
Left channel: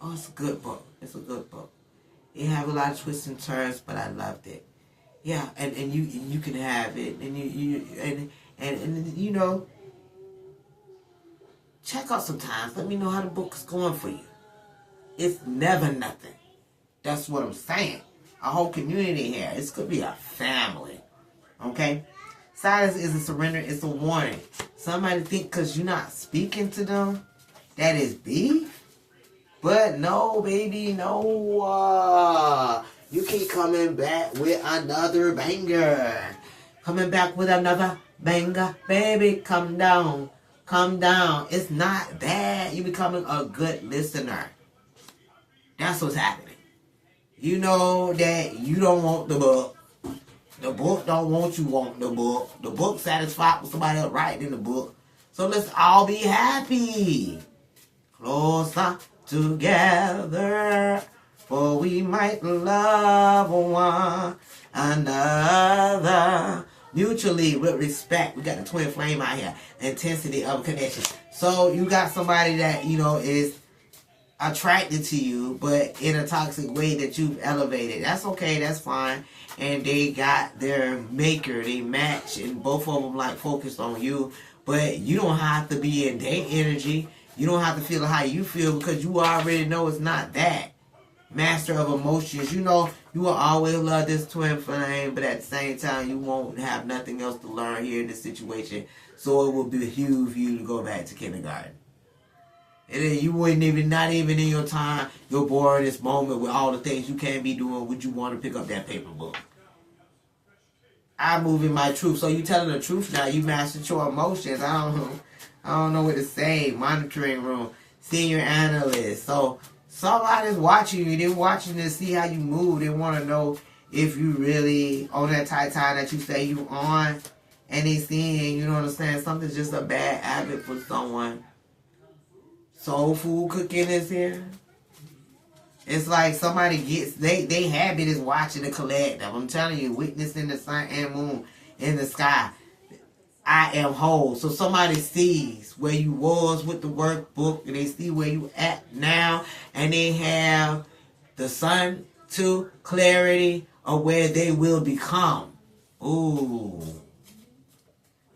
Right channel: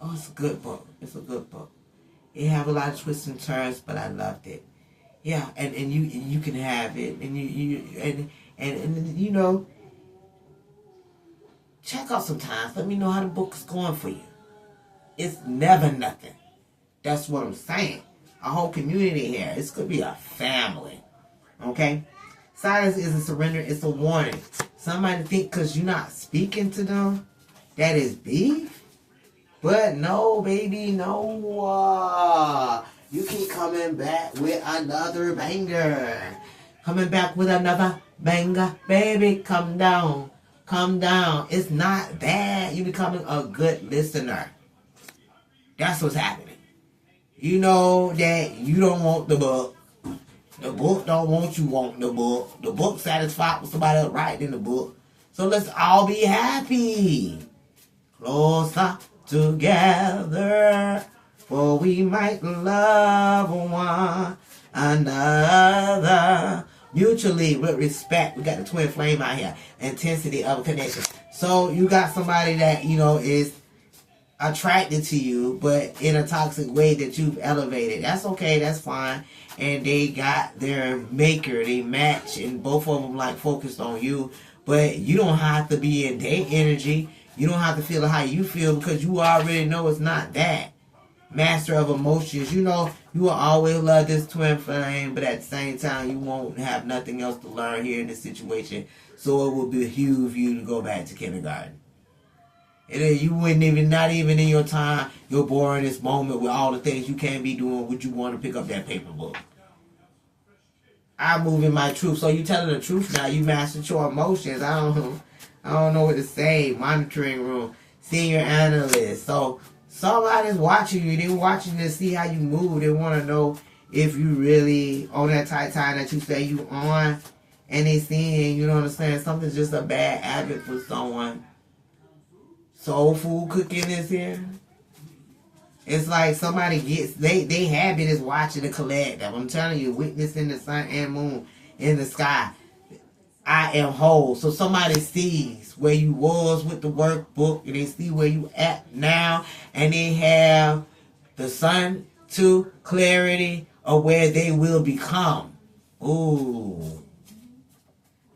Oh, it's a good book. It's a good book. It have a lot of twists and turns, but I loved it. Yeah, and you can have it, and you know, check out sometimes. Let me know how the book is going for you. It's never nothing. That's what I'm saying. A whole community here. This could be a family. Okay? Silence is a surrender. It's a warning. Somebody think because you're not speaking to them, that is beef. But no, baby, no. You keep coming back with another banger. Coming back with another banger. Baby, come down. Come down. It's not bad. You're becoming a good listener. That's what's happening. You know that you don't want the book. The book don't want you want the book. The book satisfied with somebody else writing in the book. So let's all be happy. Closer together, for we might love one another. Mutually, with respect. We got the twin flame out here. Intensity of a connection. So you got somebody that, you know, is attracted to you, but in a toxic way that you've elevated. That's okay. That's fine. And they got their maker. They match. And both of them, like, focused on you. But you don't have to be in their energy. You don't have to feel how you feel, because you already know it's not that. Master of emotions. You know, you will always love this twin flame, but at the same time, you won't have nothing else to learn here in this situation. So it will behoove you to go back to kindergarten. And you wouldn't even, not even in your time, your boringest moment with all the things you can't be doing, would you want to pick up that paper book? I move in my truth. So you telling the truth now. You mastered your emotions. I don't know what to say. Monitoring room, senior analyst. So somebody's watching you. They're watching to see how you move. They want to know if you really on that tight time that you say you on. And they seeing, you know what I'm saying, something's just a bad habit for someone. Soul food cooking is here. It's like somebody gets, they habit is watching the collective. I'm telling you, witnessing the sun and moon in the sky. I am whole. So somebody sees where you was with the workbook, and they see where you at now, and they have the sun to clarity of where they will become. Ooh.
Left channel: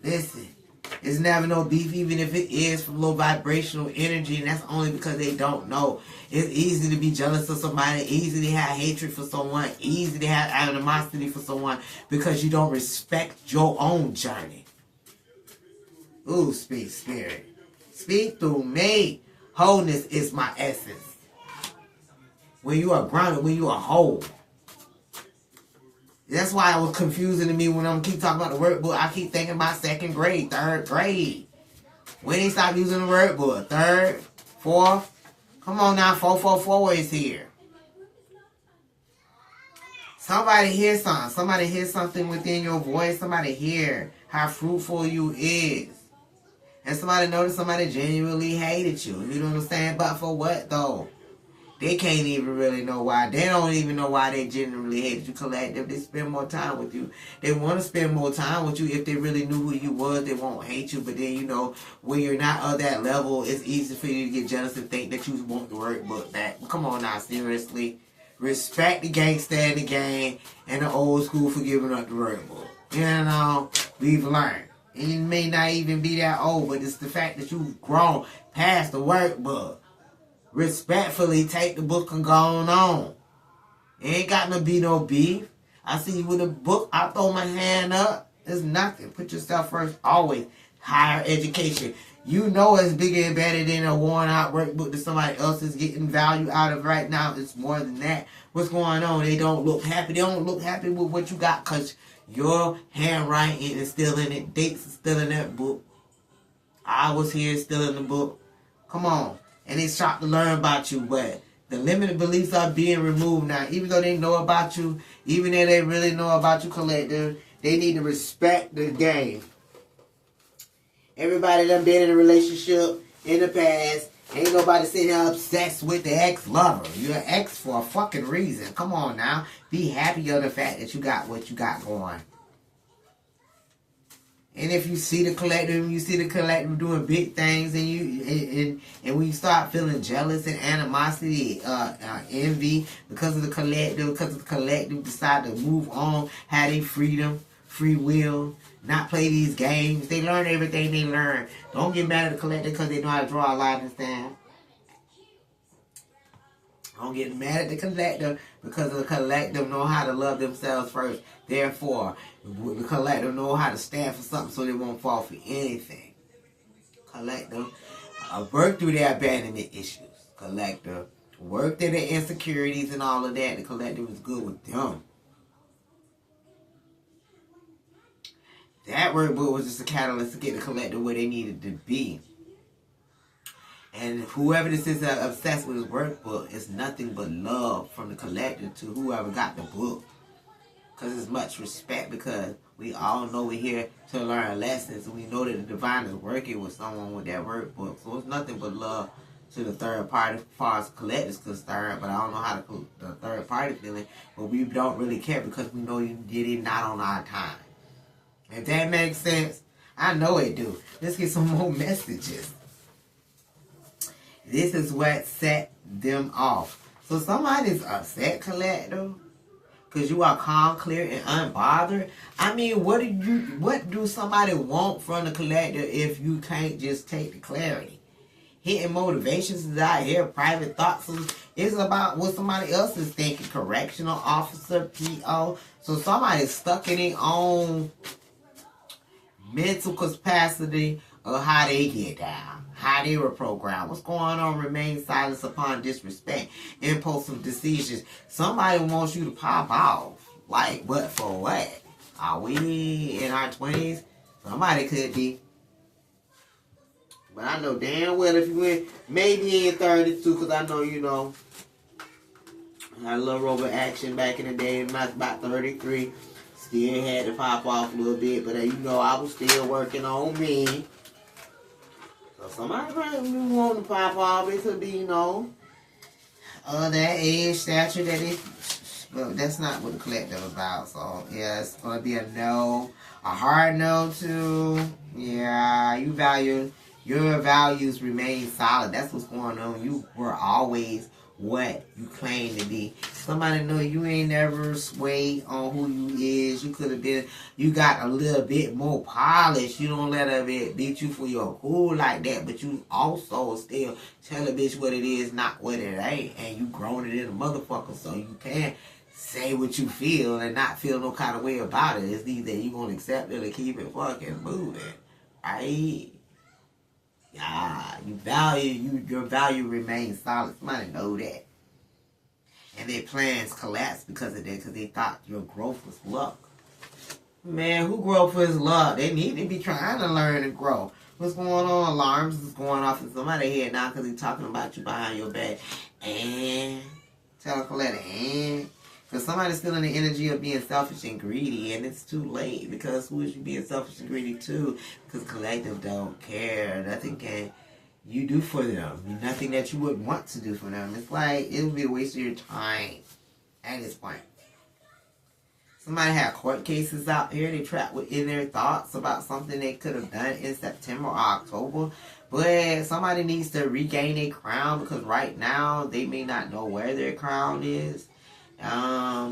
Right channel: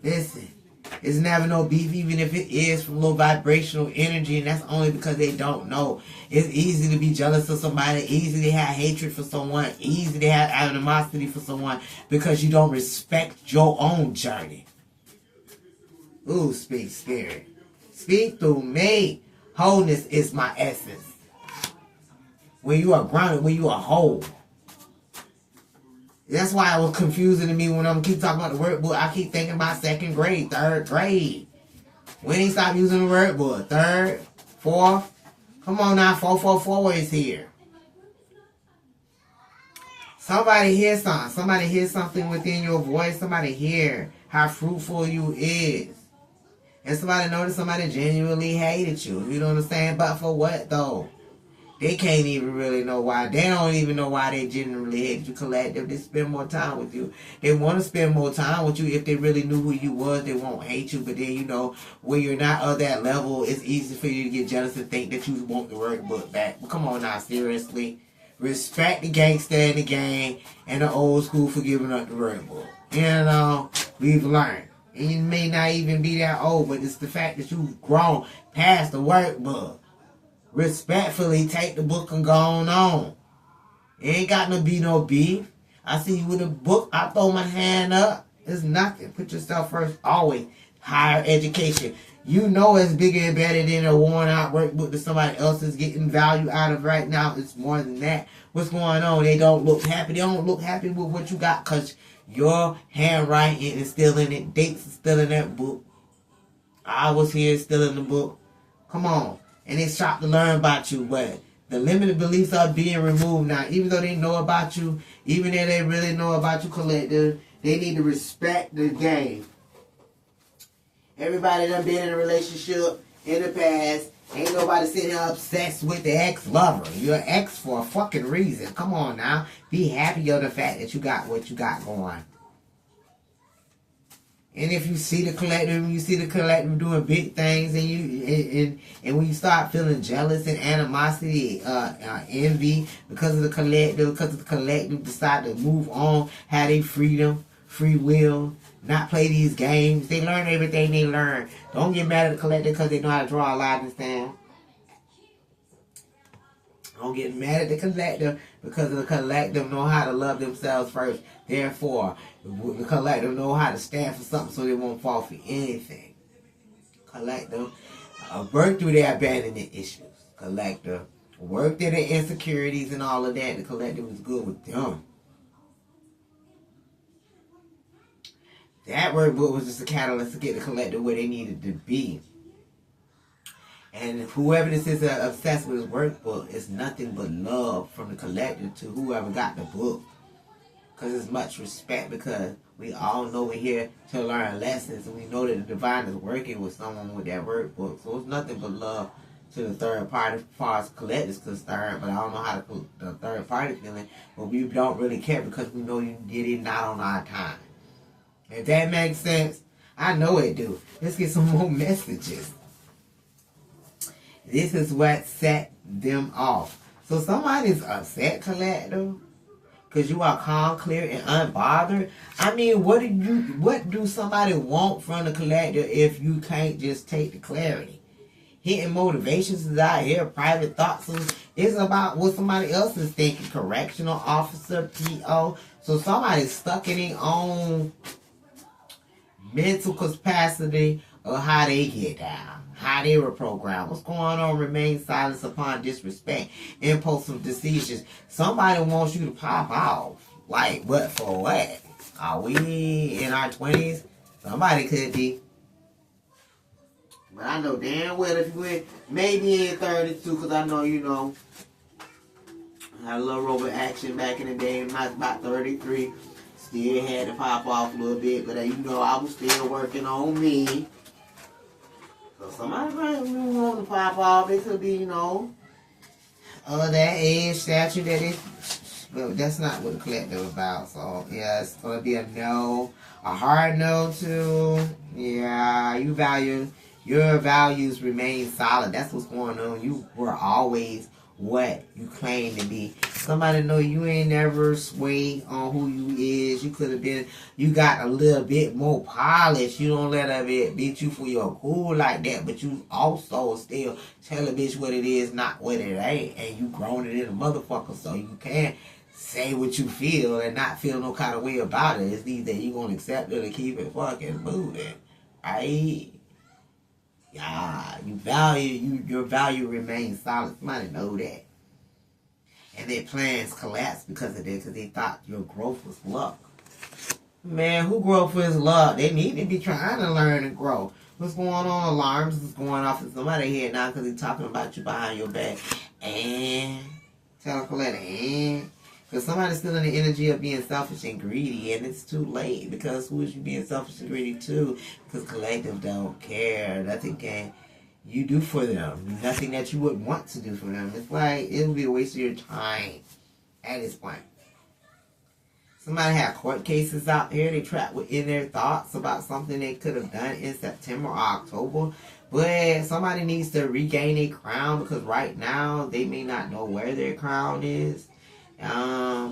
Listen. It's never no beef, even if it is from low vibrational energy, and that's only because they don't know. It's easy to be jealous of somebody, easy to have hatred for someone, easy to have animosity for someone because you don't respect your own journey. Ooh, speak spirit. Speak through me. Wholeness is my essence. When you are grounded, when you are whole. That's why it was confusing to me when I'm keep talking about the workbook. I keep thinking about second grade, third grade. When they stop using the workbook? Third, fourth? Come on now, 444 is here. Somebody hear something. Somebody hear something within your voice. Somebody hear how fruitful you is. And somebody notice somebody genuinely hated you. You know what I'm saying? But for what though? They can't even really know why. They don't even know why they genuinely hate you, collective. They spend more time with you. They want to spend more time with you. If they really knew who you was, they won't hate you. But then, you know, when you're not of that level, it's easy for you to get jealous and think that you want the workbook back. But come on now, seriously. Respect the gangster in the gang and the old school for giving up the workbook. You know, we've learned. And you may not even be that old, but it's the fact that you've grown past the workbook. Respectfully take the book and go on. It ain't got to be no beef. I see you with a book, I throw my hand up. It's nothing. Put yourself first always. Higher education. You know it's bigger and better than a worn out workbook that somebody else is getting value out of right now. It's more than that. What's going on? They don't look happy. They don't look happy with what you got because your handwriting is still in it. Dates are still in that book. Hours here still in the book. Come on. And it's shocked to learn about you, but the limited beliefs are being removed now. Even though they know about you, even though they really know about you, collective, they need to respect the game. Everybody done been in a relationship in the past. Ain't nobody sitting here obsessed with the ex-lover. You're an ex for a fucking reason. Come on now. Be happy of the fact that you got what you got going. And if you see the collective doing big things, and when you start feeling jealous and animosity, envy because of the collective decide to move on, have their freedom, free will, not play these games. They learn everything they learn. Don't get mad at the collective because they know how to draw a line in the sand. Don't get mad at the collective because the collective know how to love themselves first. Therefore, the collective know how to stand for something so they won't fall for anything. Collective work through their abandonment issues. Collective work through their insecurities and all of that. The collective is good with them. That workbook was just a catalyst to get the collective where they needed to be. And whoever this is obsessed with his workbook, it's nothing but love from the collective to whoever got the book. Because it's much respect, because we all know we're here to learn lessons. And we know that the divine is working with someone with that workbook. So it's nothing but love to the third party as far as collective is concerned. But I don't know how the third party feeling. But we don't really care because we know you did it not on our time. If that makes sense, I know it do. Let's get some more messages. This is what set them off. So somebody's upset, collective, because you are calm, clear, and unbothered. I mean, what do somebody want from the collective if you can't just take the clarity? Hidden motivations is out here. Private thoughts is about what somebody else is thinking. Correctional officer, PO. So somebody's stuck in their own mental capacity of how they get down. how they were programmed. What's going on? Remain silent upon disrespect, impulsive decisions. Somebody wants you to pop off. Like, what for what? Are we in our 20s? Somebody could be. But I know damn well if you went maybe in 32, because I know, you know, I had a little robot action back in the day when I was about 33. Still had to pop off a little bit, but you know, I was still working on me. So somebody probably want to pop off. It could be, you know, that age, stature, that is. But that's not what the collective is about. So, yeah, it's going to be a no. A hard no, too. Yeah, your values remain solid. That's what's going on. You were always what you claim to be. Somebody know you ain't never swayed on who you is. You could have been, you got a little bit more polish. You don't let it beat you for your cool like that, but you also still tell a bitch what it is, not what it ain't. And you grown it in a motherfucker, so you can't say what you feel and not feel no kind of way about it. It's either you gonna accept it or keep it fucking moving. Right? Yeah, your value remains solid. Somebody know that. And their plans collapsed because of that, because they thought your growth was luck. Man, who growth is luck? They need to be trying to learn and grow. What's going on? Alarms is going off in somebody's head now because he's talking about you behind your back. And tell Coletta, and because somebody's still in the energy of being selfish and greedy, and it's too late. Because who is you being selfish and greedy to? Because collective don't care. Nothing can you do for them. Nothing that you would want to do for them. It's like it would be a waste of your time at this point. Somebody had court cases out here. They trapped within their thoughts about something they could have done in September or October. But somebody needs to regain their crown, because right now they may not know where their crown is.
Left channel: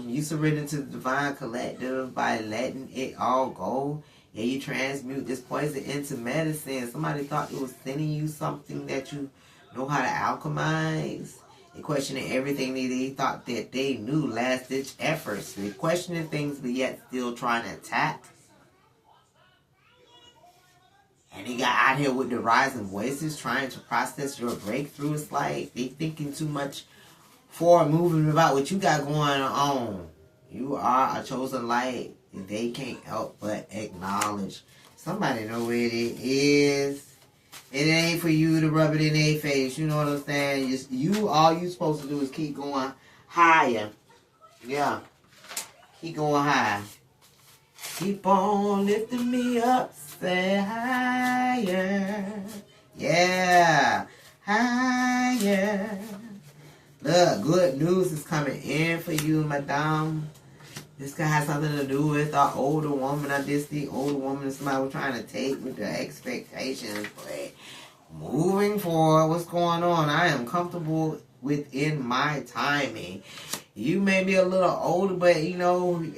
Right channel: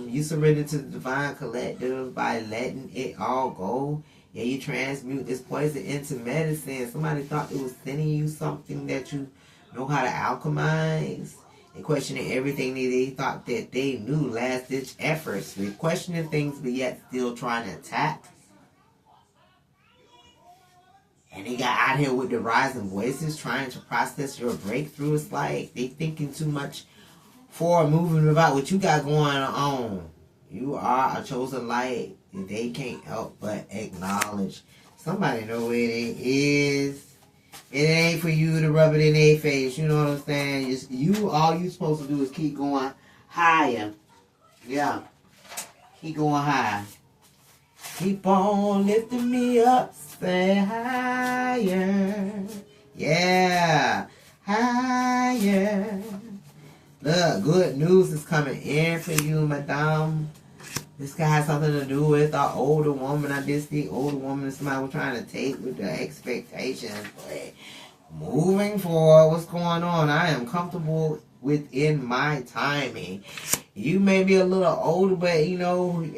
You surrender to the divine collective by letting it all go. Yeah, you transmute this poison into medicine. Somebody thought it was sending you something that you know how to alchemize. They questioning everything they thought that they knew. Last-ditch efforts. They're questioning things, but yet still trying to attack. And they got out here with the rising voices trying to process your breakthrough. It's like they thinking too much forward moving about what you got going on. You are a chosen light. They can't help but acknowledge. Somebody know where it is. It ain't for you to rub it in their face. You know what I'm saying? All you supposed to do is keep going higher. Yeah. Keep going high. Keep on lifting me up. Say higher. Yeah. Higher. Look, good news is coming in for you, madame. This guy has something to do with an older woman. I just see older woman somebody was trying to take with the expectations. But moving forward, what's going on? I am comfortable within my timing. You may be a little older, but you know,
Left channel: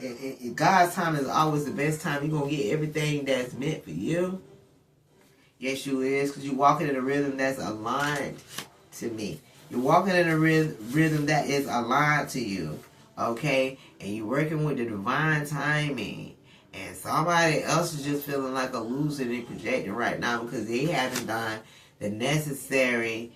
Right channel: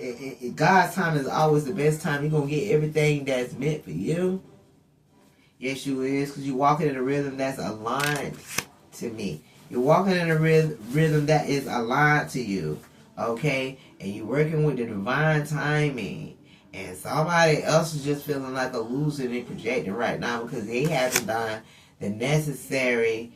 God's time is always the best time. You're going to get everything that's meant for you. Yes, you is, because you're walking in a rhythm that's aligned to me. You're walking in a rhythm that is aligned to you. Okay? And you're working with the divine timing. And somebody else is just feeling like a loser and projecting right now because they haven't done the necessary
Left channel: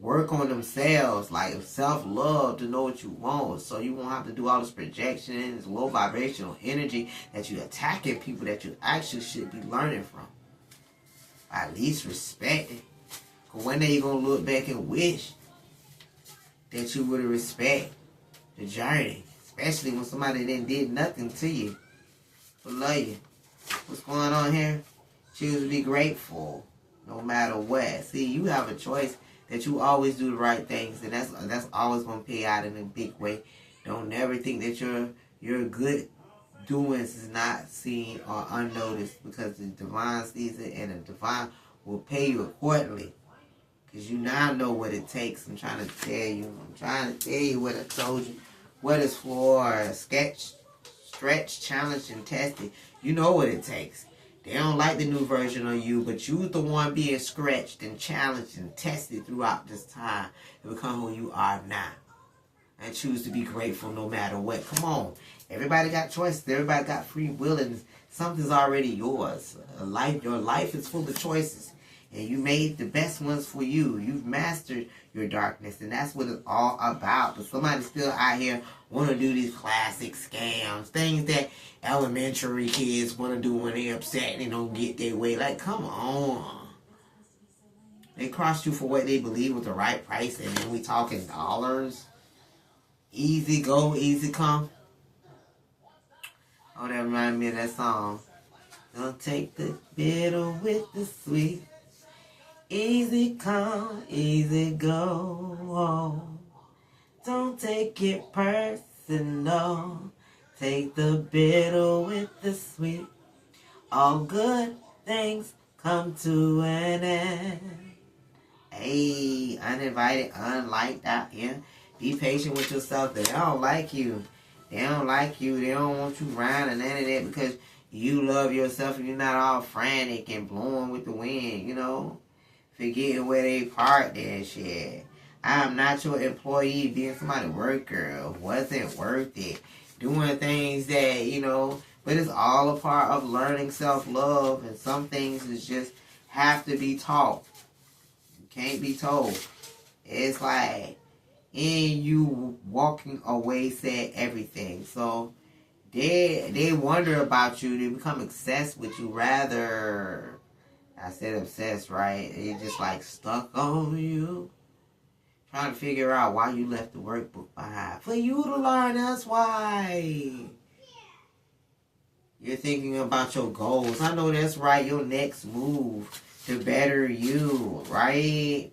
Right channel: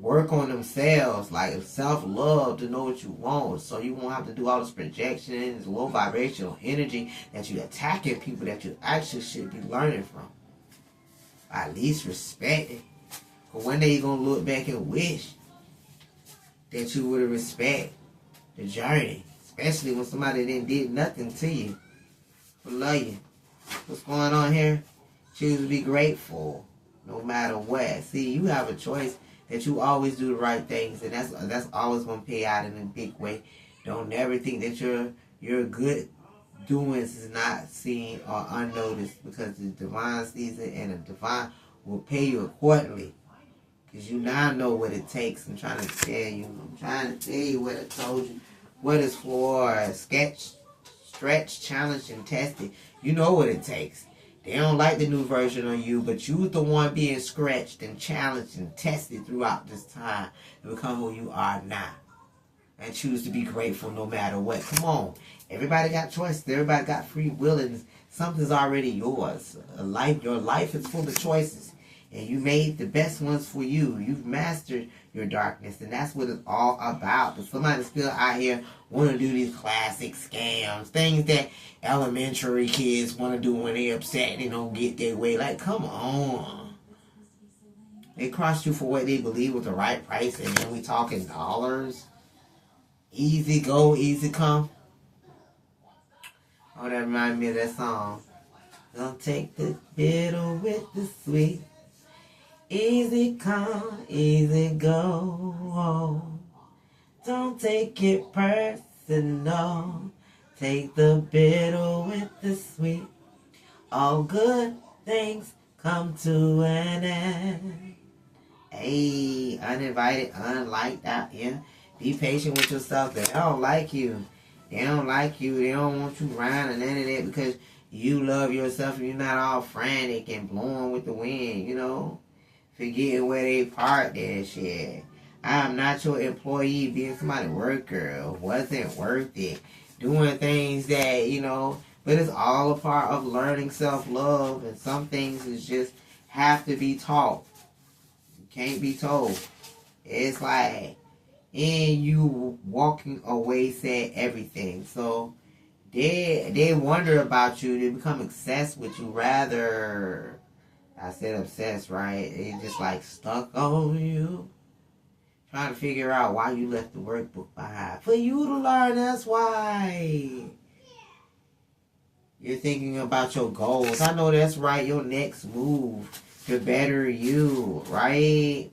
work on themselves, like self-love, to know what you want. So you won't have to do all this projection and this low vibrational energy that you're attacking people that you actually should be learning from. At least respect it. Because one day you're going to look back and wish that you would have respected the journey. Especially when somebody then did nothing to you. But love you. What's going on here? Choose to be grateful no matter what. See, you have a choice that you always do the right things, and that's always going to pay out in a big way. Don't never think that your good doings is not seen or unnoticed, because the divine sees it and the divine will pay you accordingly. Because you now know what it takes. I'm trying to tell you. I'm trying to tell you what I told you. What is for stretch, challenge, and tested. You know what it takes. They don't like the new version of you, but you're the one being scratched and challenged and tested throughout this time to become who you are now. And choose to be grateful no matter what. Come on. Everybody got choices. Everybody got free will, and something's already yours. Your life is full of choices. And you made the best ones for you. You've mastered your darkness. And that's what it's all about. But somebody's still out here want to do these classic scams. Things that elementary kids want to do when they're upset and they don't get their way. Like, come on. They cross you for what they believe was the right price. And then we talking dollars. Easy go, easy come. Oh, that reminds me of that song. Don't take the bitter with the sweet. Easy come, easy go. Don't take it personal. Take the bitter with the sweet. All good things come to an end. Hey, uninvited, unliked out here. Be patient with yourself. They don't like you. They don't like you. They don't want you around and none of that because you love yourself and you're not all frantic and blowing with the wind, you know. Forgetting where they parked that shit. I'm not your employee. Being somebody's worker wasn't worth it. Doing things that, you know, but it's all a part of learning self-love. And some things is just have to be taught. You can't be told. It's like, and you walking away said everything. So they wonder about you. They become obsessed with you. Rather, I said obsessed, right? They just like stuck on you. Trying to figure out why you left the workbook behind. For you to learn, that's why. You're thinking about your goals. I know that's right. Your next move to better you, right?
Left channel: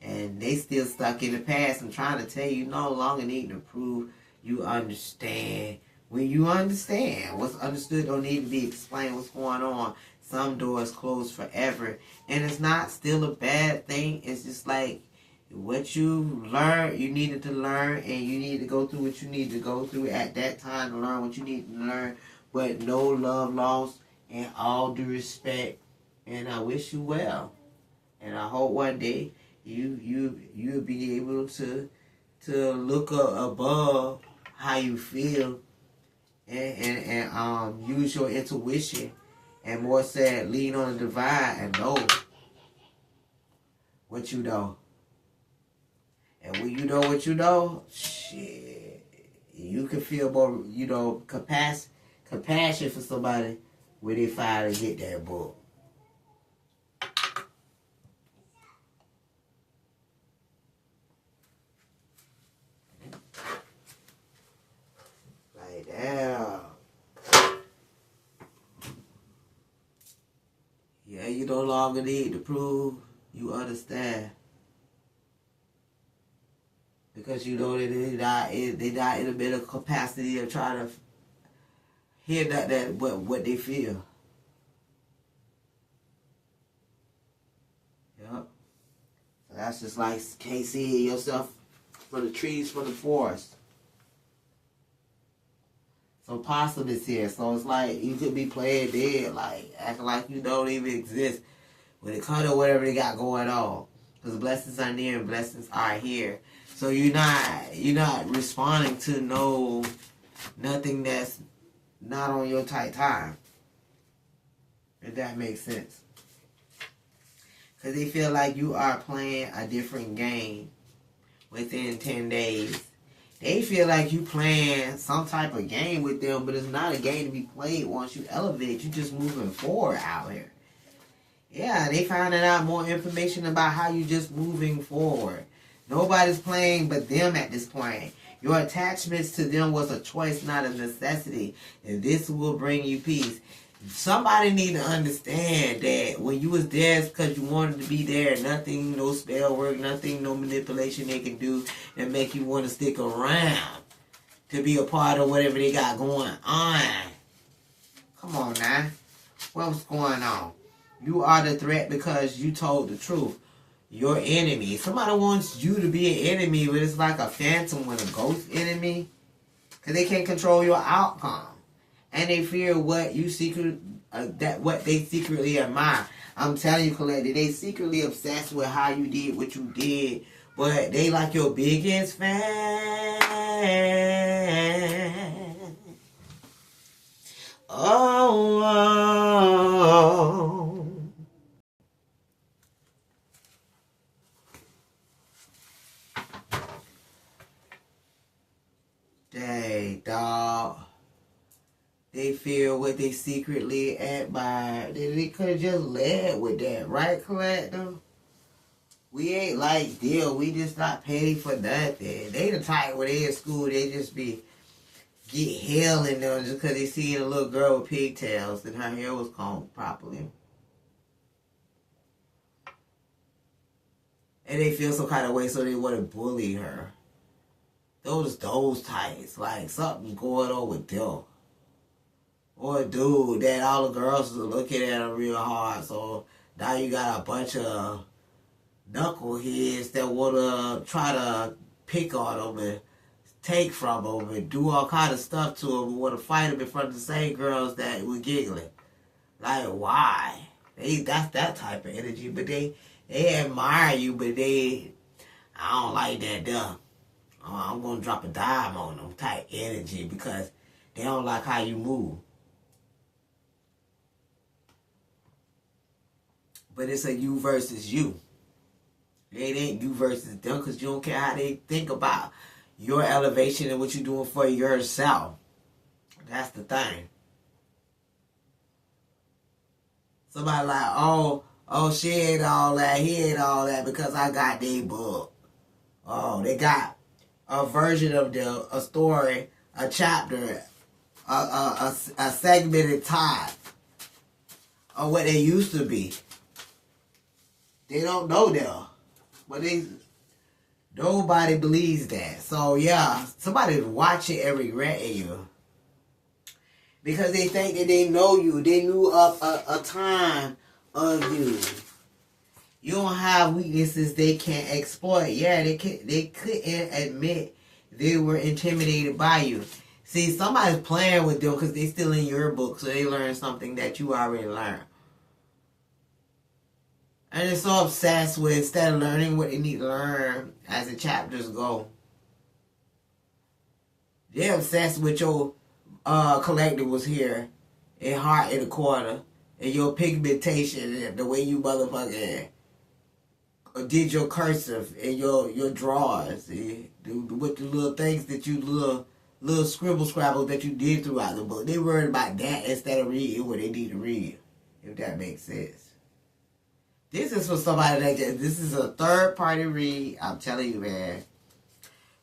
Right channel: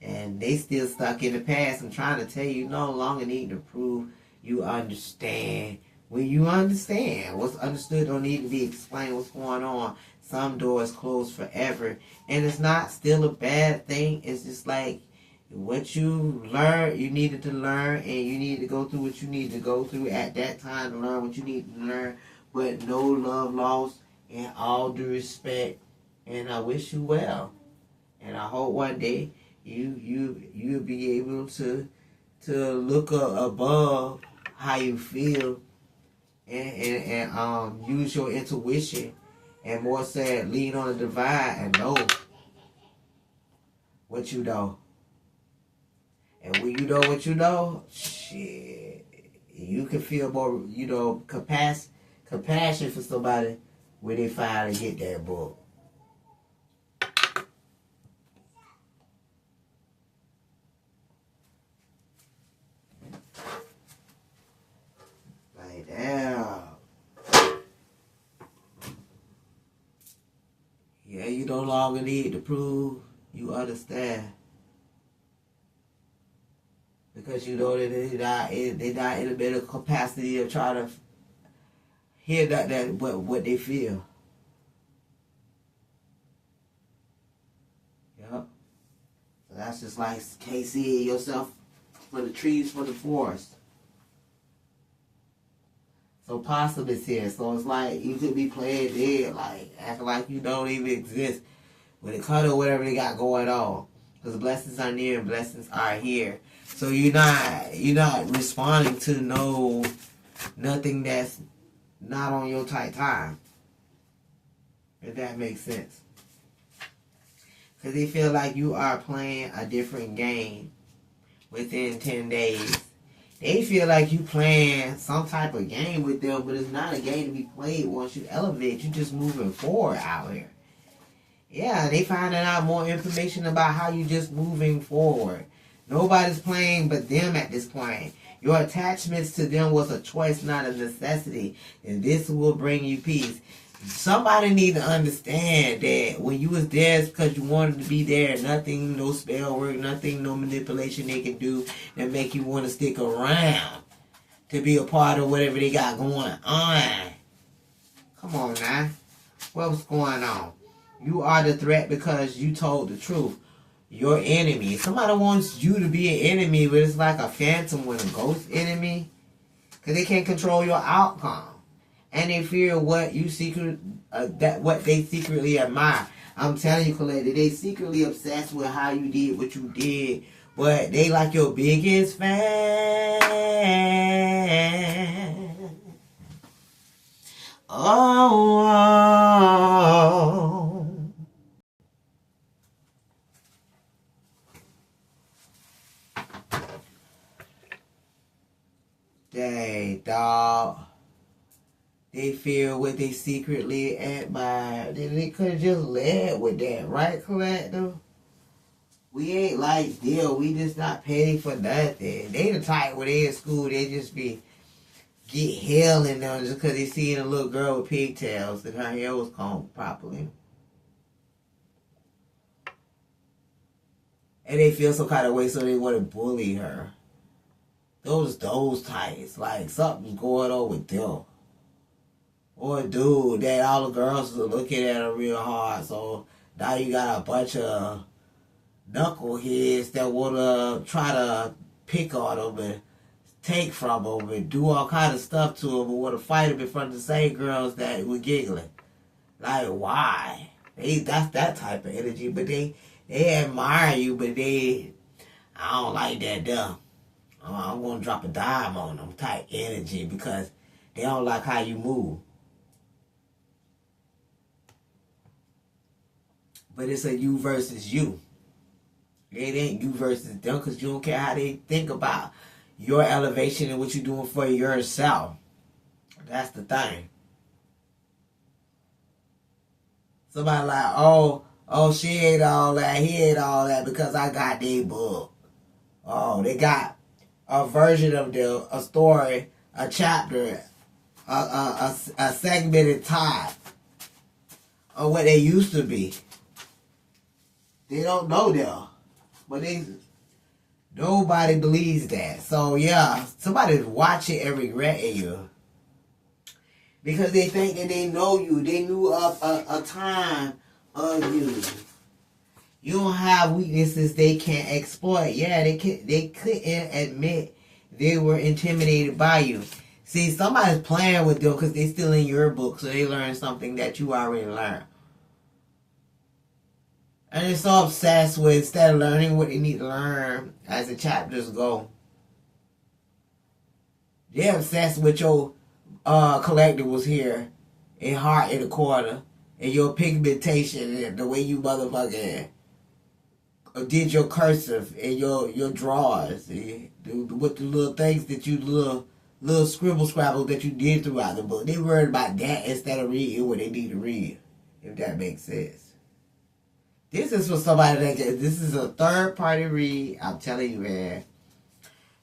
And they still stuck in the past and trying to tell you no longer need to prove you understand. When you understand, what's understood don't need to be explained what's going on. Some doors close forever. And it's not still a bad thing. It's just like what you learned, you needed to learn, and you need to go through what you need to go through at that time to learn what you need to learn. But no love lost and all due respect. And I wish you well. And I hope one day you'll be able to look above how you feel and use your intuition and more said lean on the divine and know what you know. And when you know what you know, shit, you can feel more, you know, compassion for somebody when they finally get that book. Like, damn. Yeah, you no longer need to prove you understand. Because you know that they not in a mental capacity of trying to hear what they feel. Yep. So that's just like KC yourself for the trees for the forest. So Possum is here. So it's like you could be playing dead, like acting like you don't even exist when it comes to whatever they got going on. Because blessings are near and blessings are here. So you're not responding to nothing that's not on your tight time. If that makes sense. Because they feel like you are playing a different game within 10 days. They feel like you playing some type of game with them, but it's not a game to be played once you elevate. You're just moving forward out here. Yeah, they finding out more information about how you just moving forward. Nobody's playing but them at this point. Your attachments to them was a choice, not a necessity. And this will bring you peace. Somebody need to understand that when you was there, it's because you wanted to be there. Nothing, no spell work, nothing, no manipulation they can do that make you want to stick around to be a part of whatever they got going on. Come on now. What's going on? You are the threat because you told the truth. Your enemy. Somebody wants you to be an enemy, but it's like a phantom with a ghost enemy. Because they can't control your outcome. And they fear what you what they secretly admire. I'm telling you, Colette, they secretly obsessed with how you did what you did. But they like your biggest fan. Oh. like, dog, they feel what they secretly admire. They could have just led with that, right, Collective? We ain't like deal. We just not paid for nothing. They the type when they in school, they just be get hell in them just because they seen a little girl with pigtails and her hair was combed properly. And they feel some kind of way, so they want to bully her. Those types. Like, something's going on with them. Or a dude that all the girls are looking at him real hard, so now you got a bunch of knuckleheads that want to try to pick on them and take from them and do all kind of stuff to them and want to fight them in front of the same girls that were giggling. Like, why? That's that type of energy, but they admire you, but I don't like that dumb. I'm going to drop a dime on them type energy because they don't like how you move. But it's a you versus you. It ain't you versus them because you don't care how they think about your elevation and what you're doing for yourself. That's the thing. Somebody like, oh, she ain't all that, he ain't all that because I got their book. Oh, they got a version of a story, a chapter, a segmented time of what they used to be. They don't know them. But nobody believes that. So yeah, somebody's watching and regretting you. Because they think that they know you. They knew a time of you. You don't have weaknesses they can't exploit. Yeah, they couldn't admit they were intimidated by you. See, somebody's playing with them because they're still in your book, so they learned something that you already learned. And they're so obsessed with instead of learning what they need to learn as the chapters go. They're obsessed with your collectibles here in Heart in the Corner and your pigmentation and the way you motherfucking did your cursive and your drawers with the little things that you little scrabbles that you did throughout the book. They worried about that instead of reading what they need to read, if that makes sense. This is for somebody this is a third party read. I'm telling you, man.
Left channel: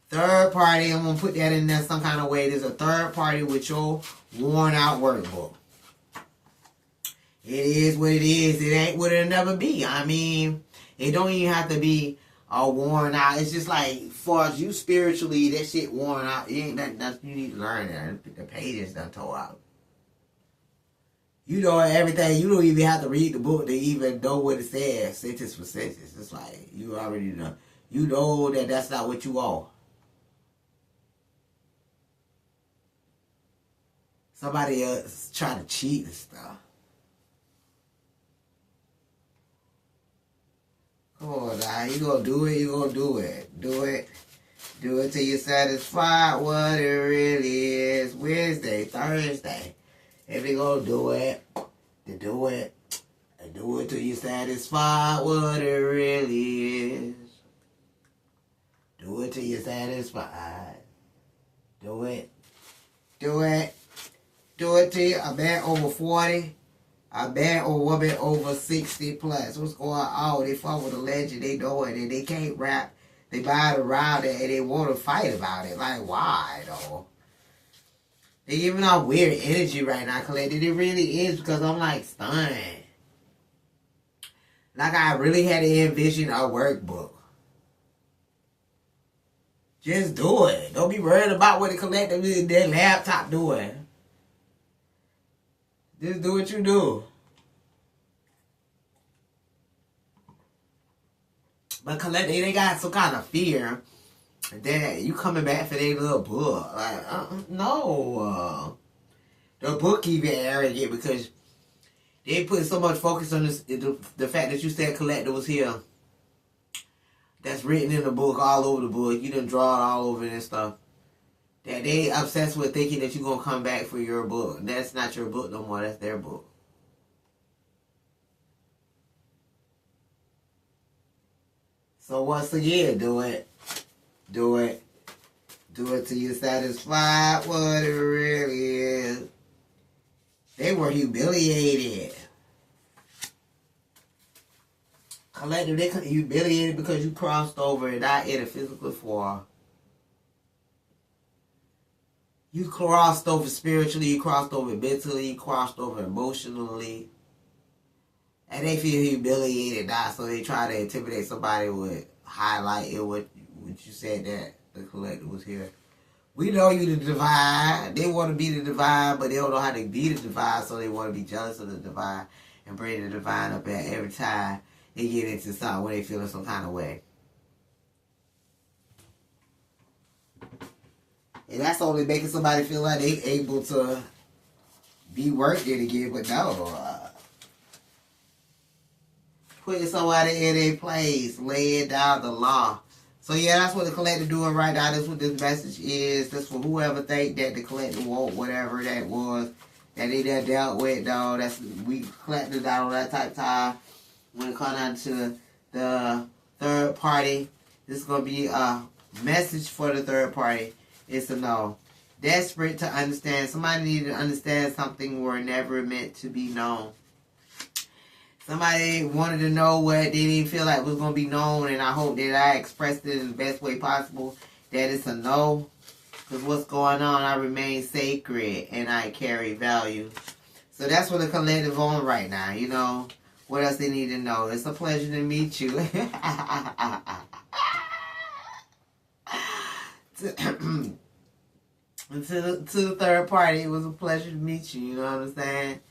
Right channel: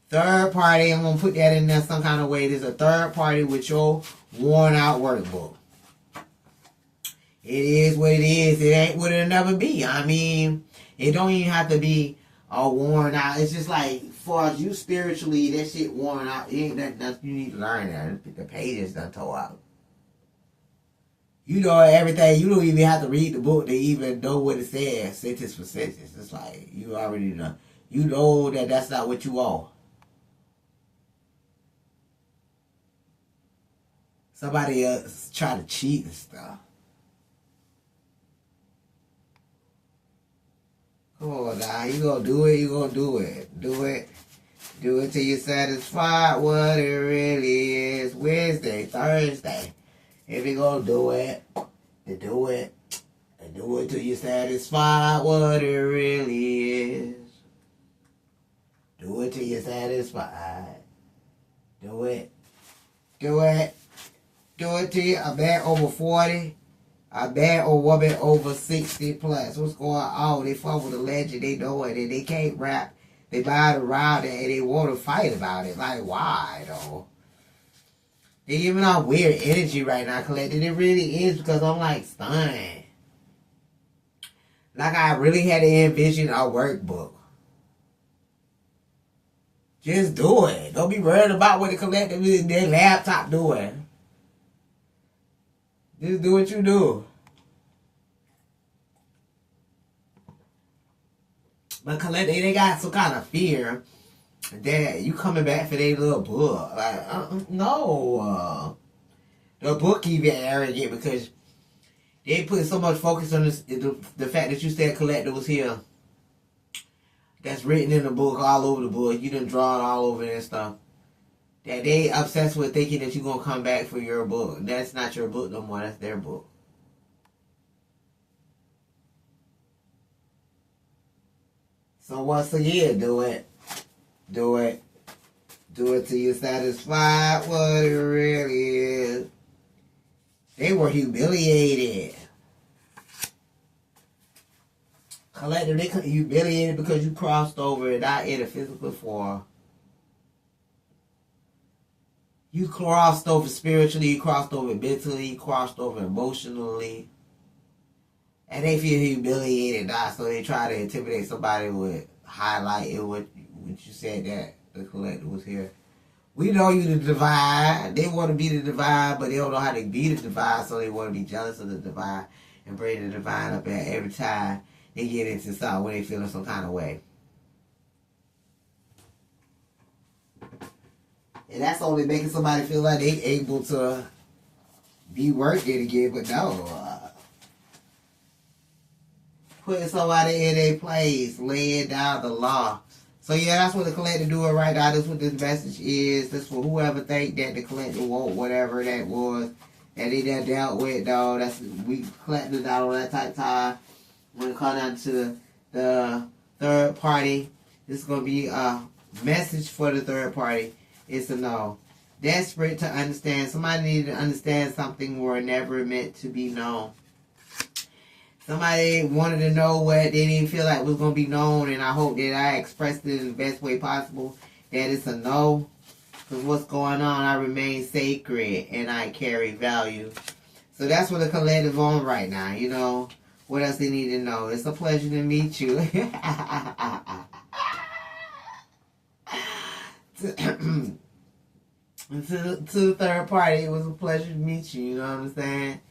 Third party, I'm going to put that in there some kind of way. There's a third party with your worn out workbook. It is what it is. It ain't what it'll never be. I mean, it don't even have to be worn out. It's just like, far as you spiritually, that shit worn out. It ain't nothing you need to learn there. The pages done tore out. You know everything. You don't even have to read the book to even know what it says, sentence for sentence. It's like, you already know. You know that that's not what you are. Somebody else try to cheat and stuff. Come on now, you gonna do it, you gonna do it. Do it. Do it till you're satisfied what it really is. Wednesday, Thursday. If you gonna do it, then do it. And do it till you're satisfied what it really is. Do it till you're satisfied. Do it. Do it. Do it till you a man over 40. A man or woman over 60 plus. What's going on? They fuck with a legend. They know it. And they can't rap. They buy it around it and they want to fight about it. Like, why though? They giving out weird energy right now, Collected. It really is because I'm like stunned. Like I really had to envision a workbook. Just do it. Don't be worried about what the collective is their laptop doing. Just do what you do. But collective, they got some kind of fear that you coming back for their little book. Like, no. The book even arrogant because they put so much focus on this, the fact that you said collector was here. That's written in the book, all over the book. You done draw it all over and stuff. That they obsessed with thinking that you're going to come back for your book. That's not your book no more. That's their book. So once again, do it. Do it. Do it till you're satisfied what it really is. They were humiliated. Collective, they humiliated because you crossed over, not in a physical form. You crossed over spiritually, you crossed over mentally, you crossed over emotionally. And they feel humiliated now, so they try to intimidate somebody with highlighting what you said that the collective was here. We know you the divine. They want to be the divine, but they don't know how to be the divine, so they want to be jealous of the divine and bring the divine up at every time they get into something where they feel in some kind of way. And that's only making somebody feel like they able to be working again, but no. Putting somebody in their place, laying down the law. So yeah, that's what the collective doing right now. That's what this message is. That's for whoever think that the collective won't, whatever that was, that they done dealt with, though. That's, we collected out on that type of time. When it comes down to the third party, this is going to be a message for the third party. It's a no. Desperate to understand. Somebody needed to understand something were never meant to be known. Somebody wanted to know what they didn't feel like was going to be known, and I hope that I expressed it in the best way possible, that it's a no. Because what's going on, I remain sacred, and I carry value. So that's what the collective on right now, you know. What else they need to know? It's a pleasure to meet you. to the third party, it was a pleasure to meet you, you know what I'm saying?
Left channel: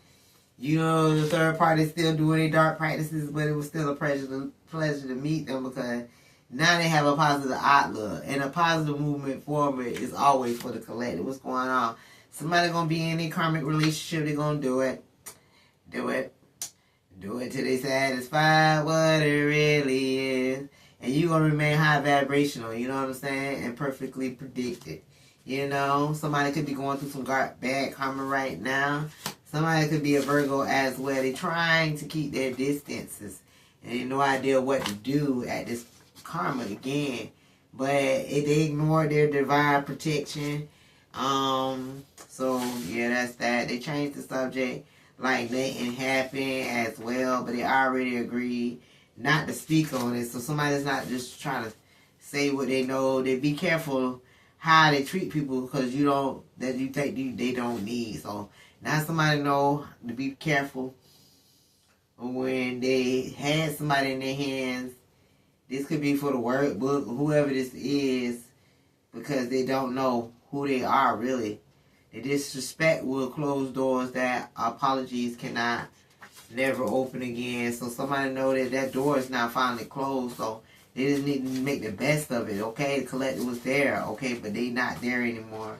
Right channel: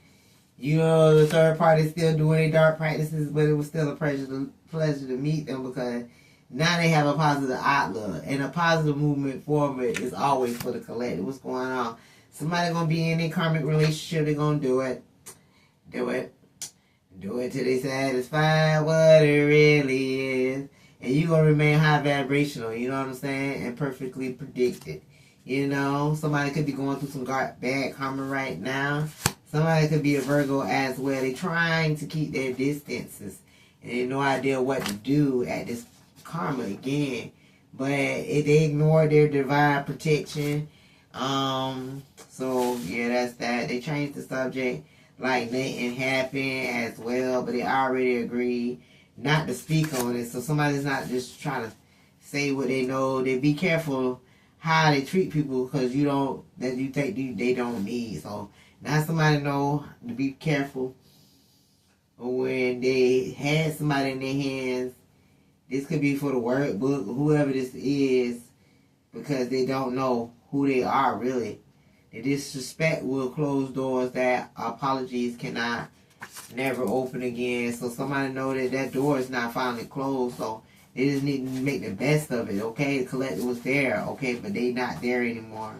You know, the third party still doing their dark practices, but it was still a pleasure to meet them, because now they have a positive outlook. And a positive movement forward is always for the collective. What's going on? Somebody going to be in a karmic relationship. They're going to do it. Do it. Do it till they satisfy what it really is. And you're going to remain high vibrational, you know what I'm saying? And perfectly predicted. You know, somebody could be going through some bad karma right now. Somebody could be a Virgo as well. They're trying to keep their distances. And they have no idea what to do at this karma again. But they ignore their divine protection. So, yeah, that's that. They changed the subject like letting happen as well. But they already agreed not to speak on it. So somebody's not just trying to say what they know. They be careful how they treat people, because you think they don't need. So now somebody know to be careful when they had somebody in their hands. This could be for the workbook, whoever this is, because they don't know who they are really. The disrespect will close doors that apologies cannot never open again. So somebody know that door is not finally closed. So they just need to make the best of it, okay? The collective was there, okay, but they not there anymore.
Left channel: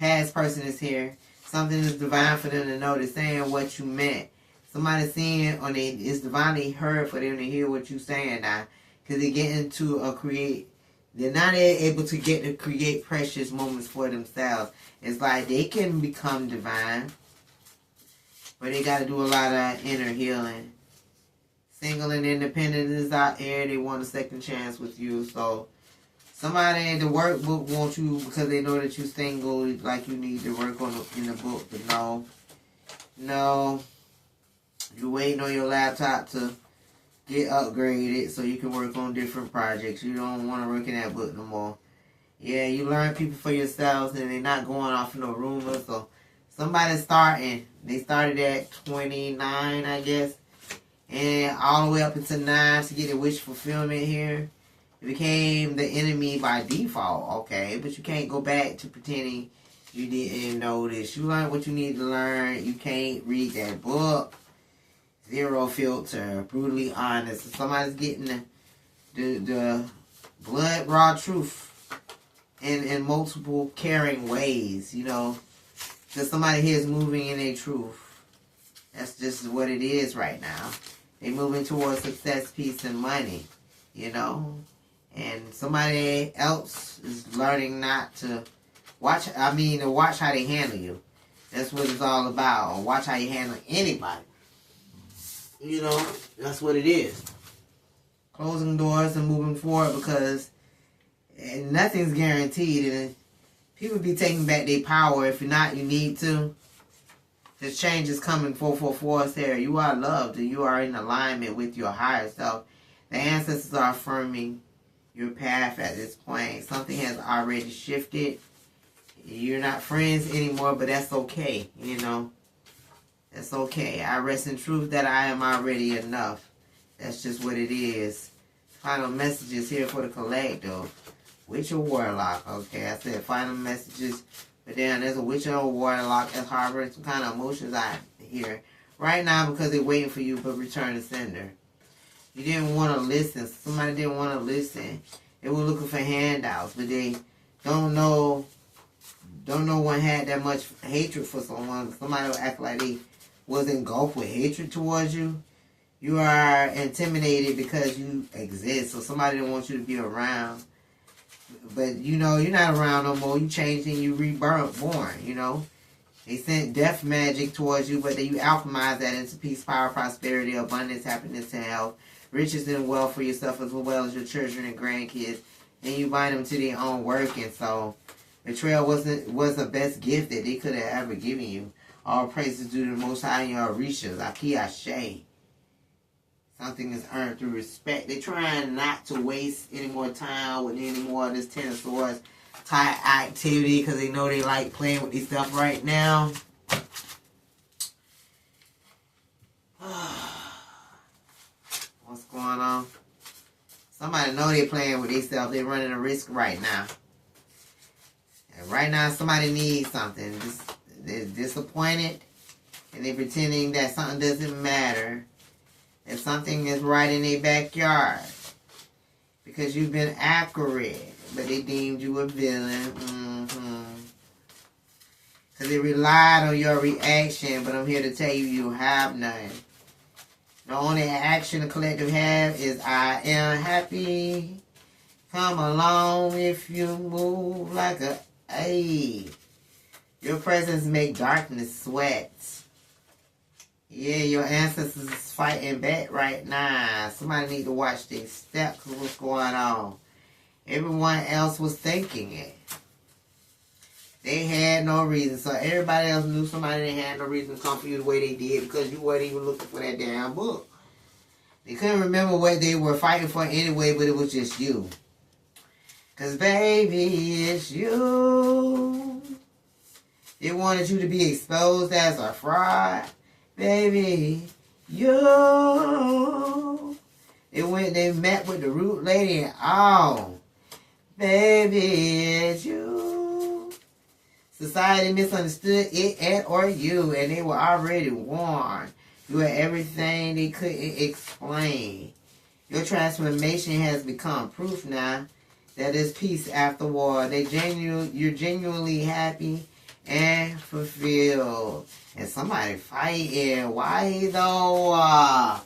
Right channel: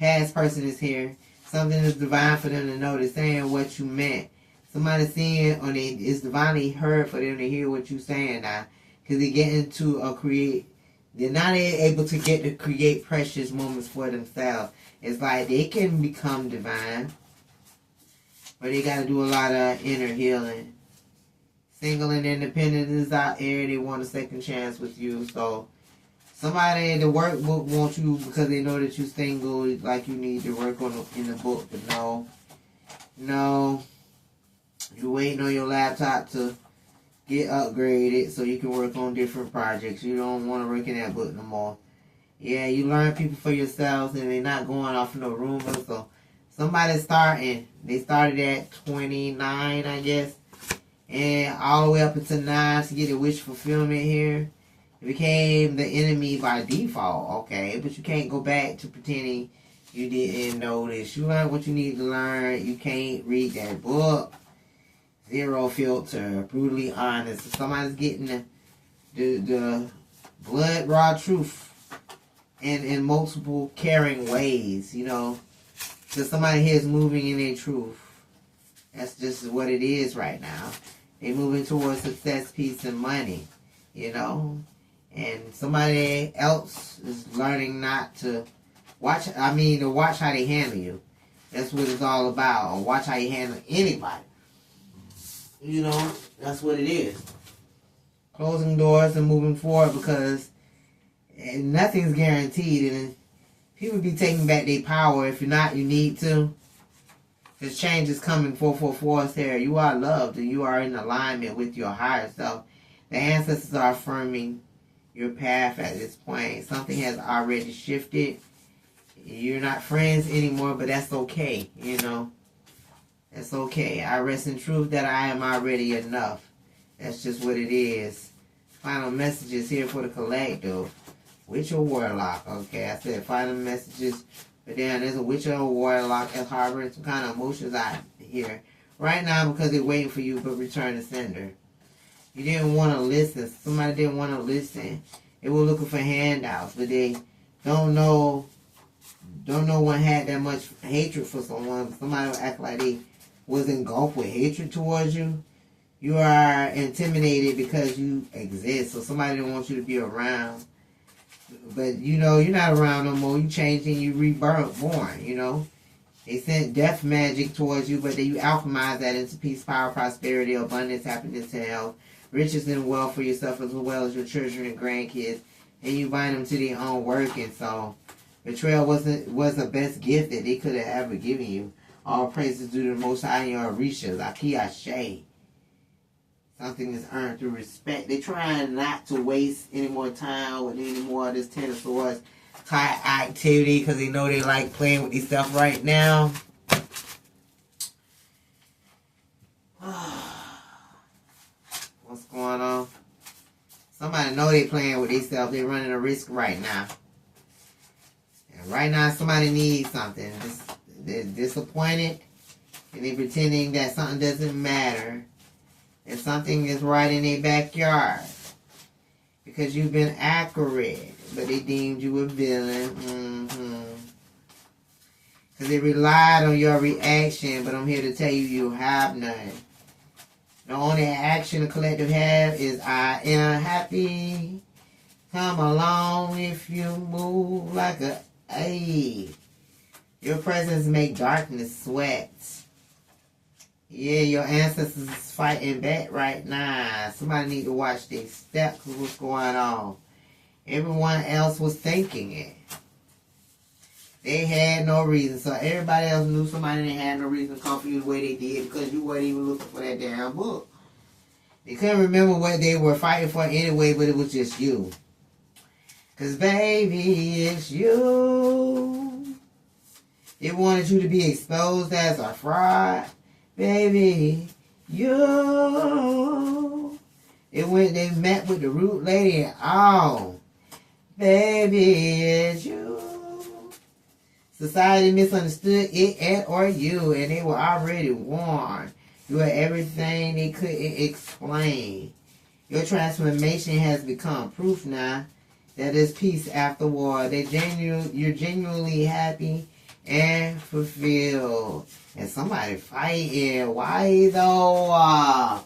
Past person is here. Something is divine for them to know. They're saying what you meant. Somebody seeing, or it's divinely heard for them to hear what you're saying now. Because they get into they're not able to get to create precious moments for themselves. It's like they can become divine, but they got to do a lot of inner healing. Single and independent is out there. They want a second chance with you. So somebody in the workbook wants you because they know that you're single, like you need to work in the book. But no, you're waiting on your laptop to get upgraded so you can work on different projects. You don't want to work in that book no more. Yeah, you learn people for yourselves, and they're not going off no rumors. So somebody's starting. They started at 29, I guess, and all the way up until 9 to get a wish fulfillment here. It became the enemy by default, okay? But you can't go back to pretending you didn't know this. You learned what you need to learn. You can't read that book. Zero filter, brutally honest. If somebody's getting the blood raw truth in multiple caring ways, you know. So somebody here is moving in their truth. That's just what it is right now. They're moving towards success, peace, and money, you know. And somebody else is learning not to watch how they handle you. That's what it's all about. Or watch how you handle anybody. You know, that's what it is. Closing doors and moving forward, because nothing's guaranteed. And People be taking back their power. If you're not, you need to. Because change is coming 444 there. You are loved and you are in alignment with your higher self. The ancestors are affirming your path at this point. Something has already shifted. You're not friends anymore, but that's okay, you know. That's okay. I rest in truth that I am already enough. That's just what it is. Final messages here for the collective. Witch or warlock. Okay, I said final messages. But then there's a witch or a warlock that's harboring some kind of emotions out here. Right now because they're waiting for you, but return to sender. You didn't want to listen. Somebody didn't want to listen. They were looking for handouts, but they don't know one had that much hatred for someone. Somebody will act like they was engulfed with hatred towards you. You are intimidated because you exist, so somebody didn't want you to be around. But you know, you're not around no more. You changed and you born, you know. They sent death magic towards you, but then you alchemize that into peace, power, prosperity, abundance, happiness, and health, riches and wealth for yourself as well as your children and grandkids, and you bind them to their own work. And so betrayal was the best gift that they could have ever given you. All praises due to the Most High and your Orishas, Aki Ashe. Something is earned through respect. They're trying not to waste any more time with any more of this Ten of Swords type activity because they know they like playing with this stuff right now. What's going on? Somebody know they playing with themselves. They're running a risk right now. And right now somebody needs something. They're disappointed and they're pretending that something doesn't matter. And something is right in their backyard. Because you've been accurate. But they deemed you a villain. Because they relied on your reaction. But I'm here to tell you, you have none. The only action the collective have is I am happy. Come along if you move like a Your presence make darkness sweat. Yeah, your ancestors is fighting back right now. Somebody need to watch their steps. What's going on? Everyone else was thinking it. They had no reason. So everybody else knew somebody didn't have no reason to come for you the way they did because you weren't even looking for that damn book. They couldn't remember what they were fighting for anyway, but it was just you. Because, baby, it's you. They wanted you to be exposed as a fraud. Baby, you. They met with the root lady and all. Baby, it's you. Society misunderstood it and or you, and they were already warned. You were everything they couldn't explain. Your transformation has become proof now that there's peace after war. You're genuinely happy and fulfilled. And somebody fighting. Why though? I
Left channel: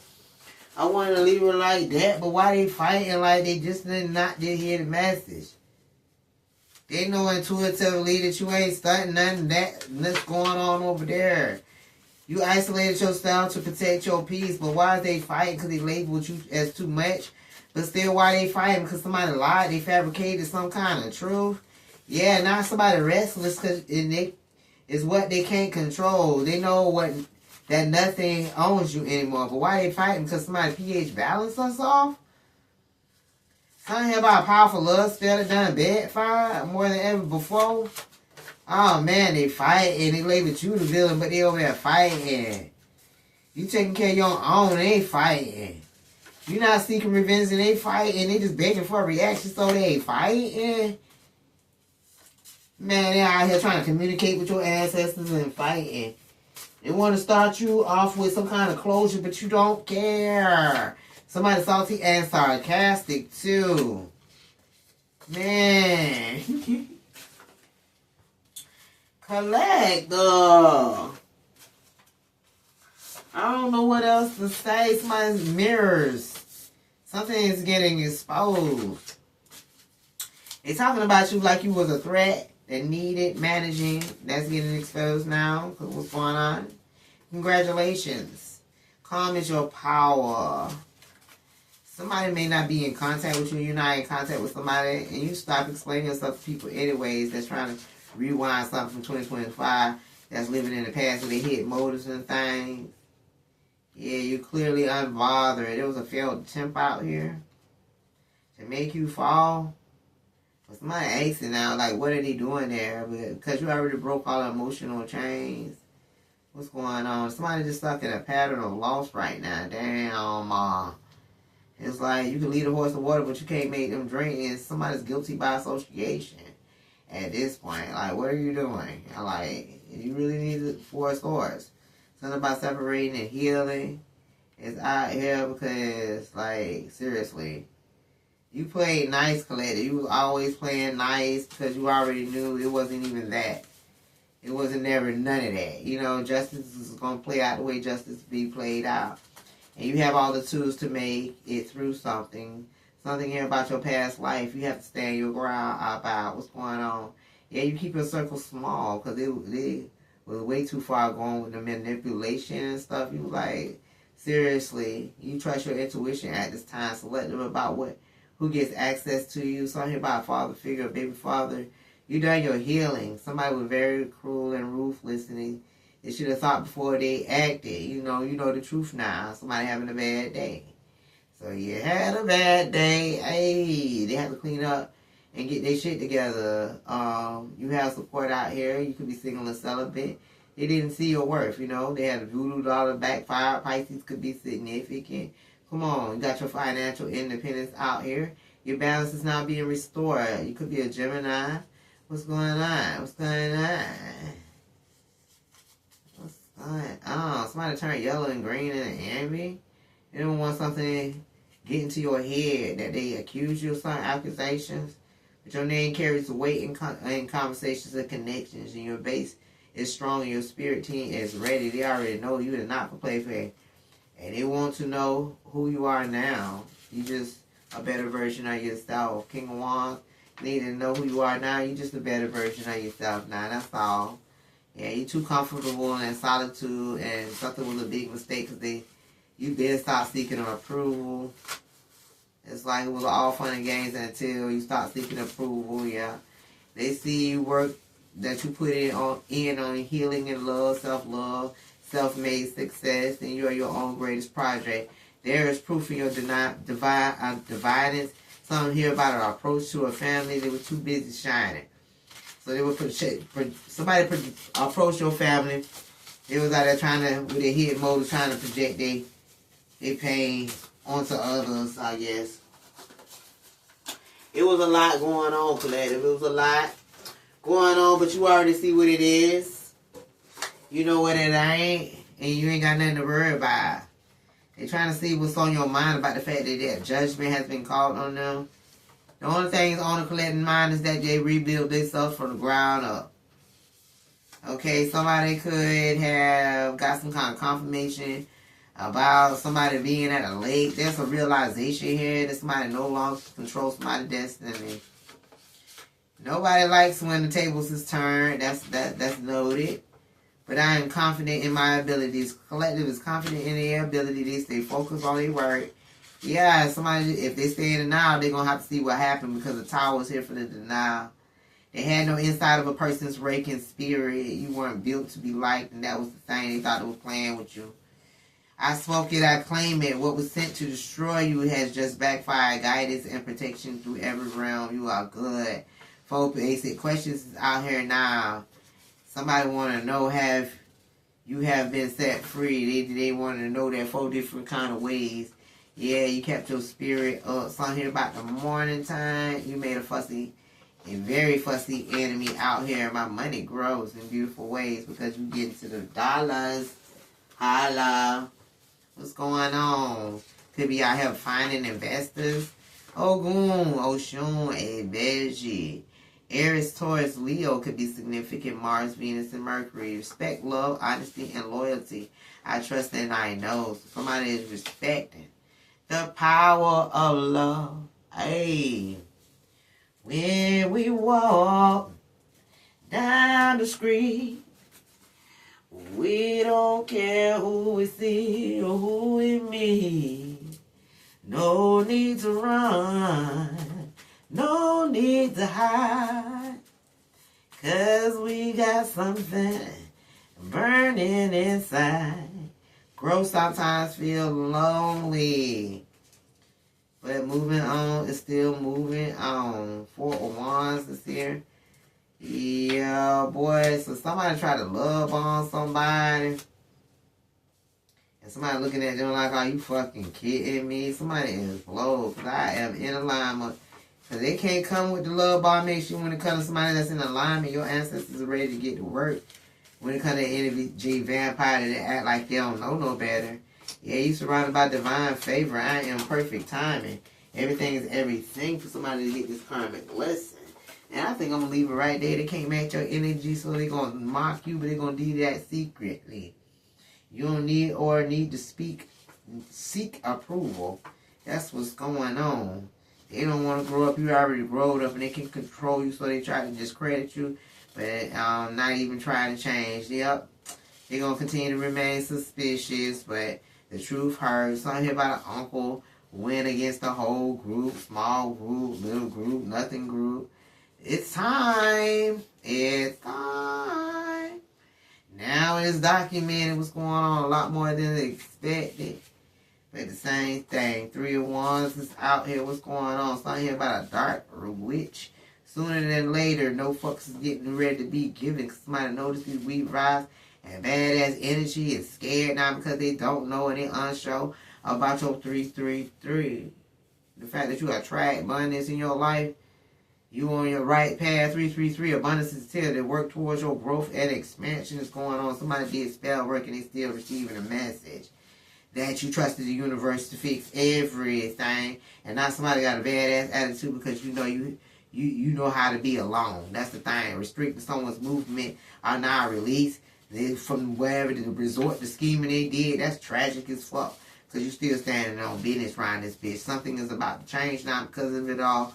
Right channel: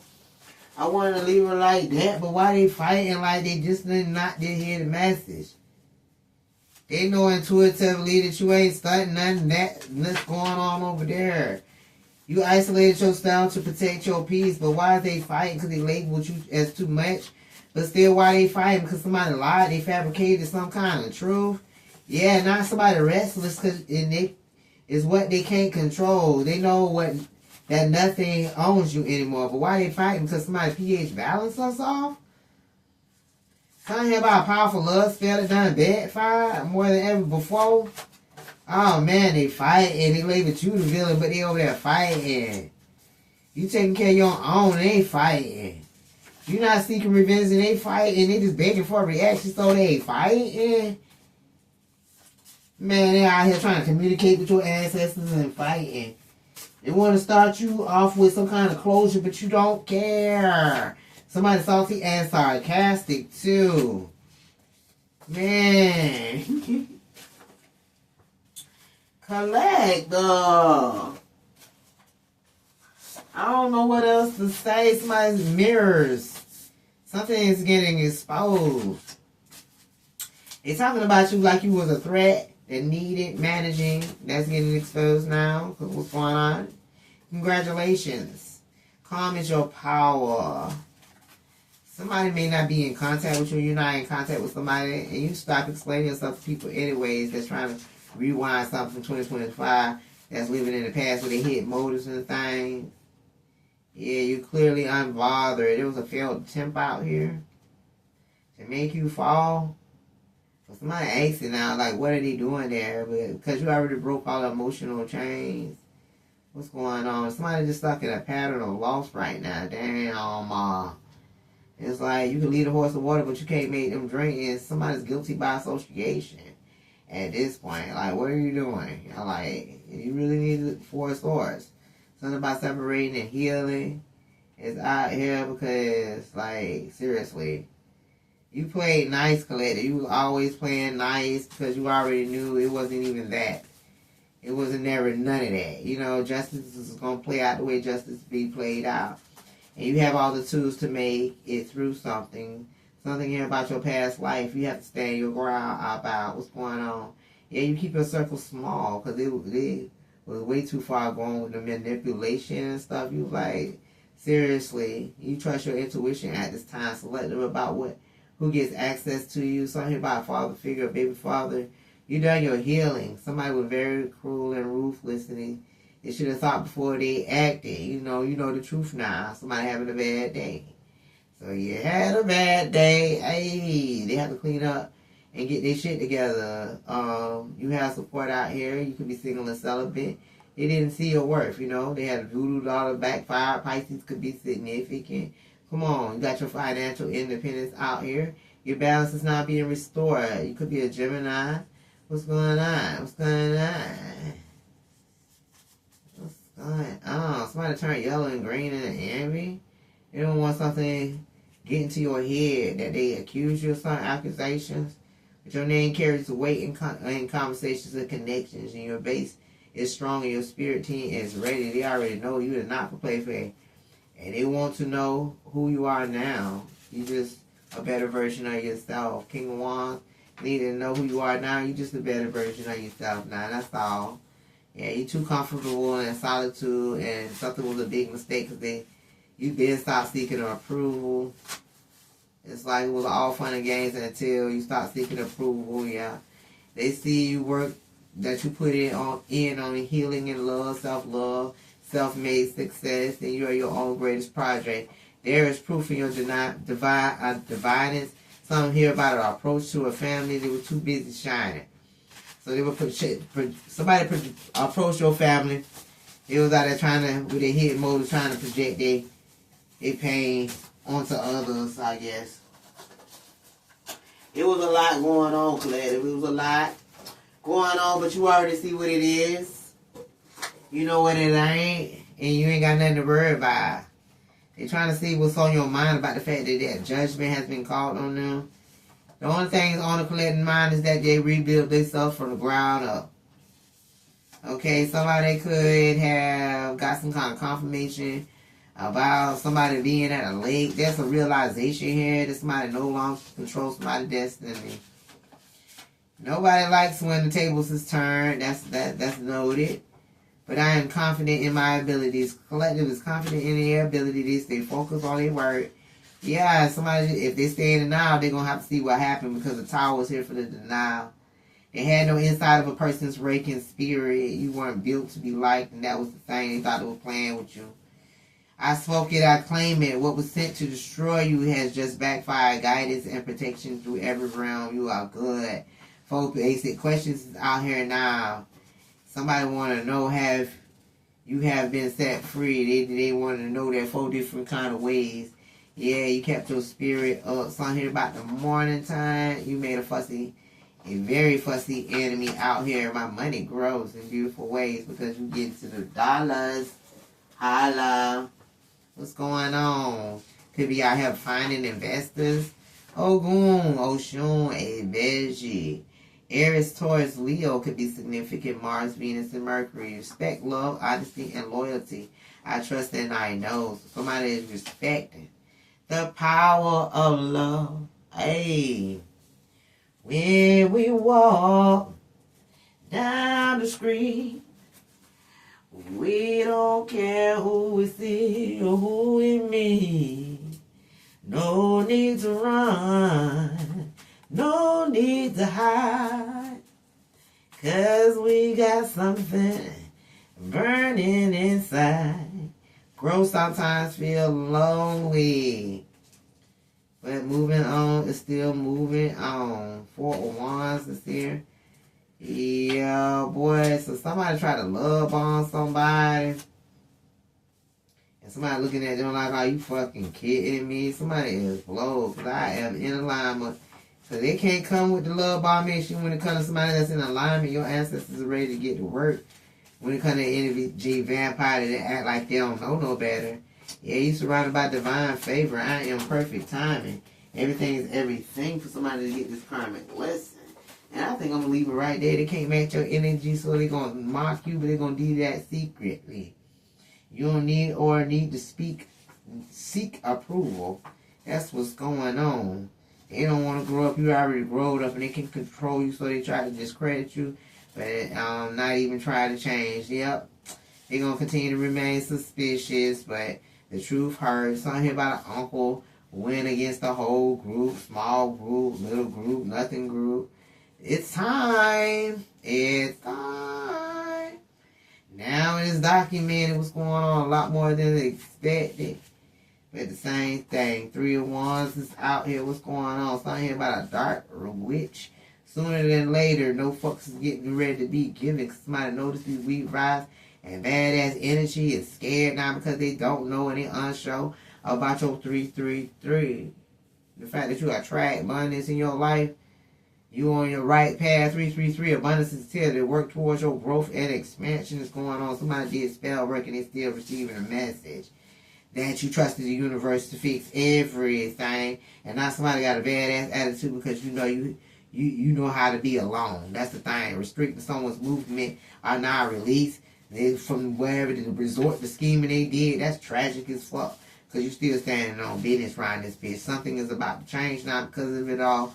wanted to leave her like that, but why they fighting like they just did not hear the message? They know intuitively that you ain't starting nothing that's going on over there. You isolated yourself to protect your peace, but why are they fighting? Because they labeled you as too much. But still, why they fighting? Because somebody lied, they fabricated some kind of truth. Yeah, not somebody restless because it's what they can't control. They know that nothing owns you anymore. But why they fighting? Because somebody pH balance us off? Kind of hear about powerful love spell that done backfire more than ever before. Oh man, they fighting. They label you the villain, but they over there fighting. You taking care of your own, they fighting. You not seeking revenge and they fighting. They just begging for a reaction, so they fighting. Man, they're out here trying to communicate with your ancestors and fighting. They want to start you off with some kind of closure, but you don't care. Somebody salty and sarcastic, too. Man. Collector. I don't know what else to say. Somebody's mirrors. Something is getting exposed. They're talking about you like you was a threat that needed managing. That's getting exposed now. What's going on? Congratulations. Calm is your power. Somebody may not be in contact with you. You're not in contact with somebody. And you stop explaining yourself to people anyways that's trying to rewind something from 2025 that's living in the past where they hit motors and things. Yeah, you clearly unbothered. There was a failed attempt out here to make you fall. But somebody asking now, like, what are they doing there? Because you already broke all the emotional chains. What's going on? Somebody just stuck in a pattern of loss right now. Damn, it's like you can lead a horse to water, but you can't make them drink. And somebody's guilty by association at this point. Like, what are you doing? Like, you really need 4 swords. Something about separating and healing is out here because, like, seriously. You played nice, Colette. You was always playing nice because you already knew it wasn't even that. It wasn't never none of that. You know, justice is going to play out the way justice be played out. And you have all the tools to make it through something. Something here about your past life. You have to stand your ground about what's going on. Yeah, you keep your circle small because it was way too far going with the manipulation and stuff. You like, seriously, you trust your intuition at this time. Selective about who gets access to you. Something about a father figure, a baby father. You done your healing. Somebody was very cruel and ruthless, and they should have thought before they acted. You know the truth now. Somebody having a bad day. So you had a bad day. Hey, they have to clean up and get their shit together. You have support out here. You could be single and celibate. They didn't see your worth, They had a voodoo dollar backfire. Pisces could be significant. Come on, you got your financial independence out here. Your balance is not being restored. You could be a Gemini. What's going on? What's going on? What's going on? Somebody turned yellow and green and envy. You don't want something get into your head that they accuse you of some accusations. But your name carries the weight in conversations and connections. And your base is strong and your spirit team is ready. They already know you are not for play fair. And they want to know who you are now. You just a better version of yourself. King of Wands. Need to know who you are now. You're just a better version of yourself now. That's all. Yeah, you're too comfortable in solitude, and something was a big mistake because you did stop seeking approval. It's like it was all fun and games until you start seeking approval. Yeah, they see you work that you put in on healing and love, self-love, self-made success, and you are your own greatest project. There is proof in your divinance. Some hear about an approach to a family. They were too busy shining. So they would somebody approach your family. They was out there trying to, with their head motives, trying to project their pain onto others, I guess. It was a lot going on, Colette. It was a lot going on, but you already see what it is. You know what it ain't, and you ain't got nothing to worry about. They're trying to see what's on your mind about the fact that judgment has been called on them. The only thing on the collecting mind is that they rebuild themselves from the ground up. Okay, somebody could have got some kind of confirmation about somebody being at a lake. There's a realization here that somebody no longer controls somebody's destiny. Nobody likes when the tables is turned. That's noted. But I am confident in my abilities. Collective is confident in their ability. They stay focused on their work. Yeah, somebody, if they stay in denial, they're going to have to see what happened because the tower was here for the denial. They had no insight of a person's raking spirit. You weren't built to be liked, and that was the thing. They thought it was playing with you. I spoke it, I claim it. What was sent to destroy you has just backfired. Guidance and protection through every realm. You are good. 4 basic questions is out here now. Somebody want to know have you have been set free. They want to know that 4 different kind of ways. Yeah, you kept your spirit up. Something here about the morning time. You made a very fussy enemy out here. My money grows in beautiful ways because you get into the dollars. Holla. What's going on? Could be out here finding investors. Ogun, Oshun, Ebeji. Aries, Taurus, Leo could be significant. Mars, Venus, and Mercury. Respect, love, honesty, and loyalty. I trust and I know. Somebody is respecting the power of love. Hey. When we walk down the street, we don't care who we see or who we meet. No need to run. No need to hide, 'Cause we got something burning inside. Growth sometimes feel lonely. But moving on is still moving on. 4 of Wands is here. Yeah, boy. So somebody try to love on somebody. And somebody looking at them like, are you fucking kidding me? Somebody is low. Because I am in alignment. Because they can't come with the love bomb issue when it comes to somebody that's in alignment. Your ancestors are ready to get to work. When it comes to energy vampire, they act like they don't know no better. Yeah, you surrounded by divine favor. I am perfect timing. Everything is everything for somebody to get this karmic lesson. And I think I'm going to leave it right there. They can't match your energy, so they're going to mock you, but they're going to do that secretly. You don't need to seek approval. That's what's going on. They don't want to grow up. You already growed up, and they can control you, so they try to discredit you, but not even try to change. Yep. They're going to continue to remain suspicious, but the truth hurts. Something here about an uncle win against the whole group, small group, little group, nothing group. It's time. It's time. Now it's documented what's going on a lot more than expected. But the same thing. 3 of Wands is out here. What's going on? Something here about a dark witch. Sooner than later, no fucks is getting ready to be given. Cause somebody noticed these weak rise and badass energy is scared now because they don't know and they're unsure about your 333. The fact that you attract abundance in your life. You on your right path. 333. Abundance is here to work towards your growth and expansion is going on. Somebody did spell work and they still receiving a message that you trusted the universe to fix everything, and not somebody got a badass attitude because you know how to be alone. That's the thing. Restricting someone's movement are now released from wherever the resort, the scheming they did. That's tragic as fuck because you still standing on business around this bitch. Something is about to change now because of it all.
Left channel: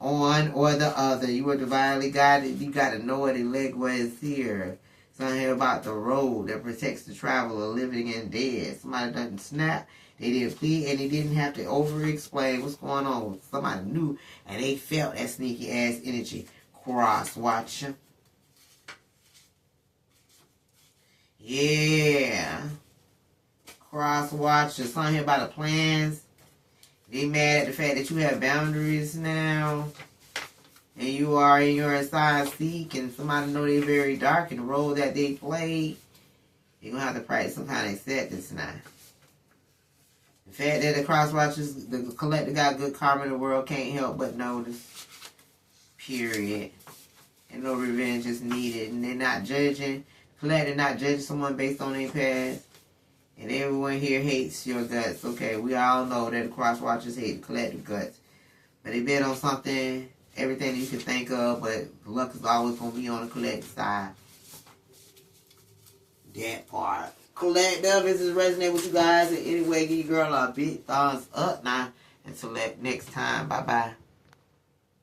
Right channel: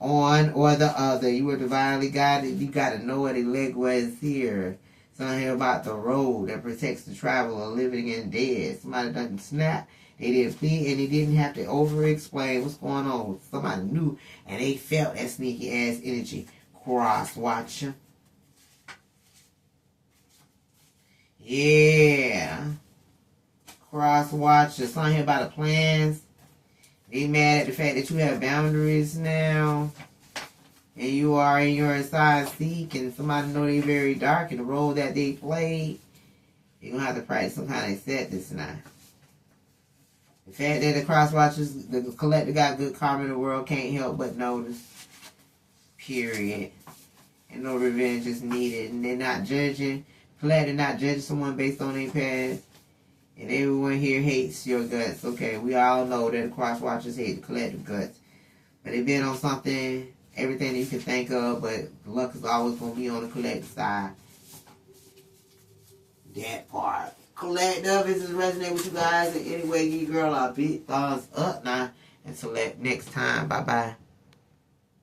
On or the other. You are divinely guided. You got to know where the legway is here. Something here about the road that protects the traveler, living and dead. Somebody doesn't snap. They didn't plead and they didn't have to over-explain what's going on. Somebody knew and they felt that sneaky ass energy. Cross-watcher. Yeah. Cross-watcher. Something here about the plans. They mad at the fact that you have boundaries now. And you are in your side seek and somebody know they very dark in the role that they played. You're going to have to practice some kind of acceptance now. The fact that the cross watchers, the collector got good karma in the world can't help but notice. Period. And no revenge is needed. And they're not judging. Collector not judging someone based on their past. And everyone here hates your guts. Okay, we all know that the cross watchers hate the collective guts. But they bet on something, everything you can think of, but luck is always going to be on the collective side. That part. Collective, is this resonating with you guys in any way? Give your girl a big thumbs up now. Until next time. Bye-bye.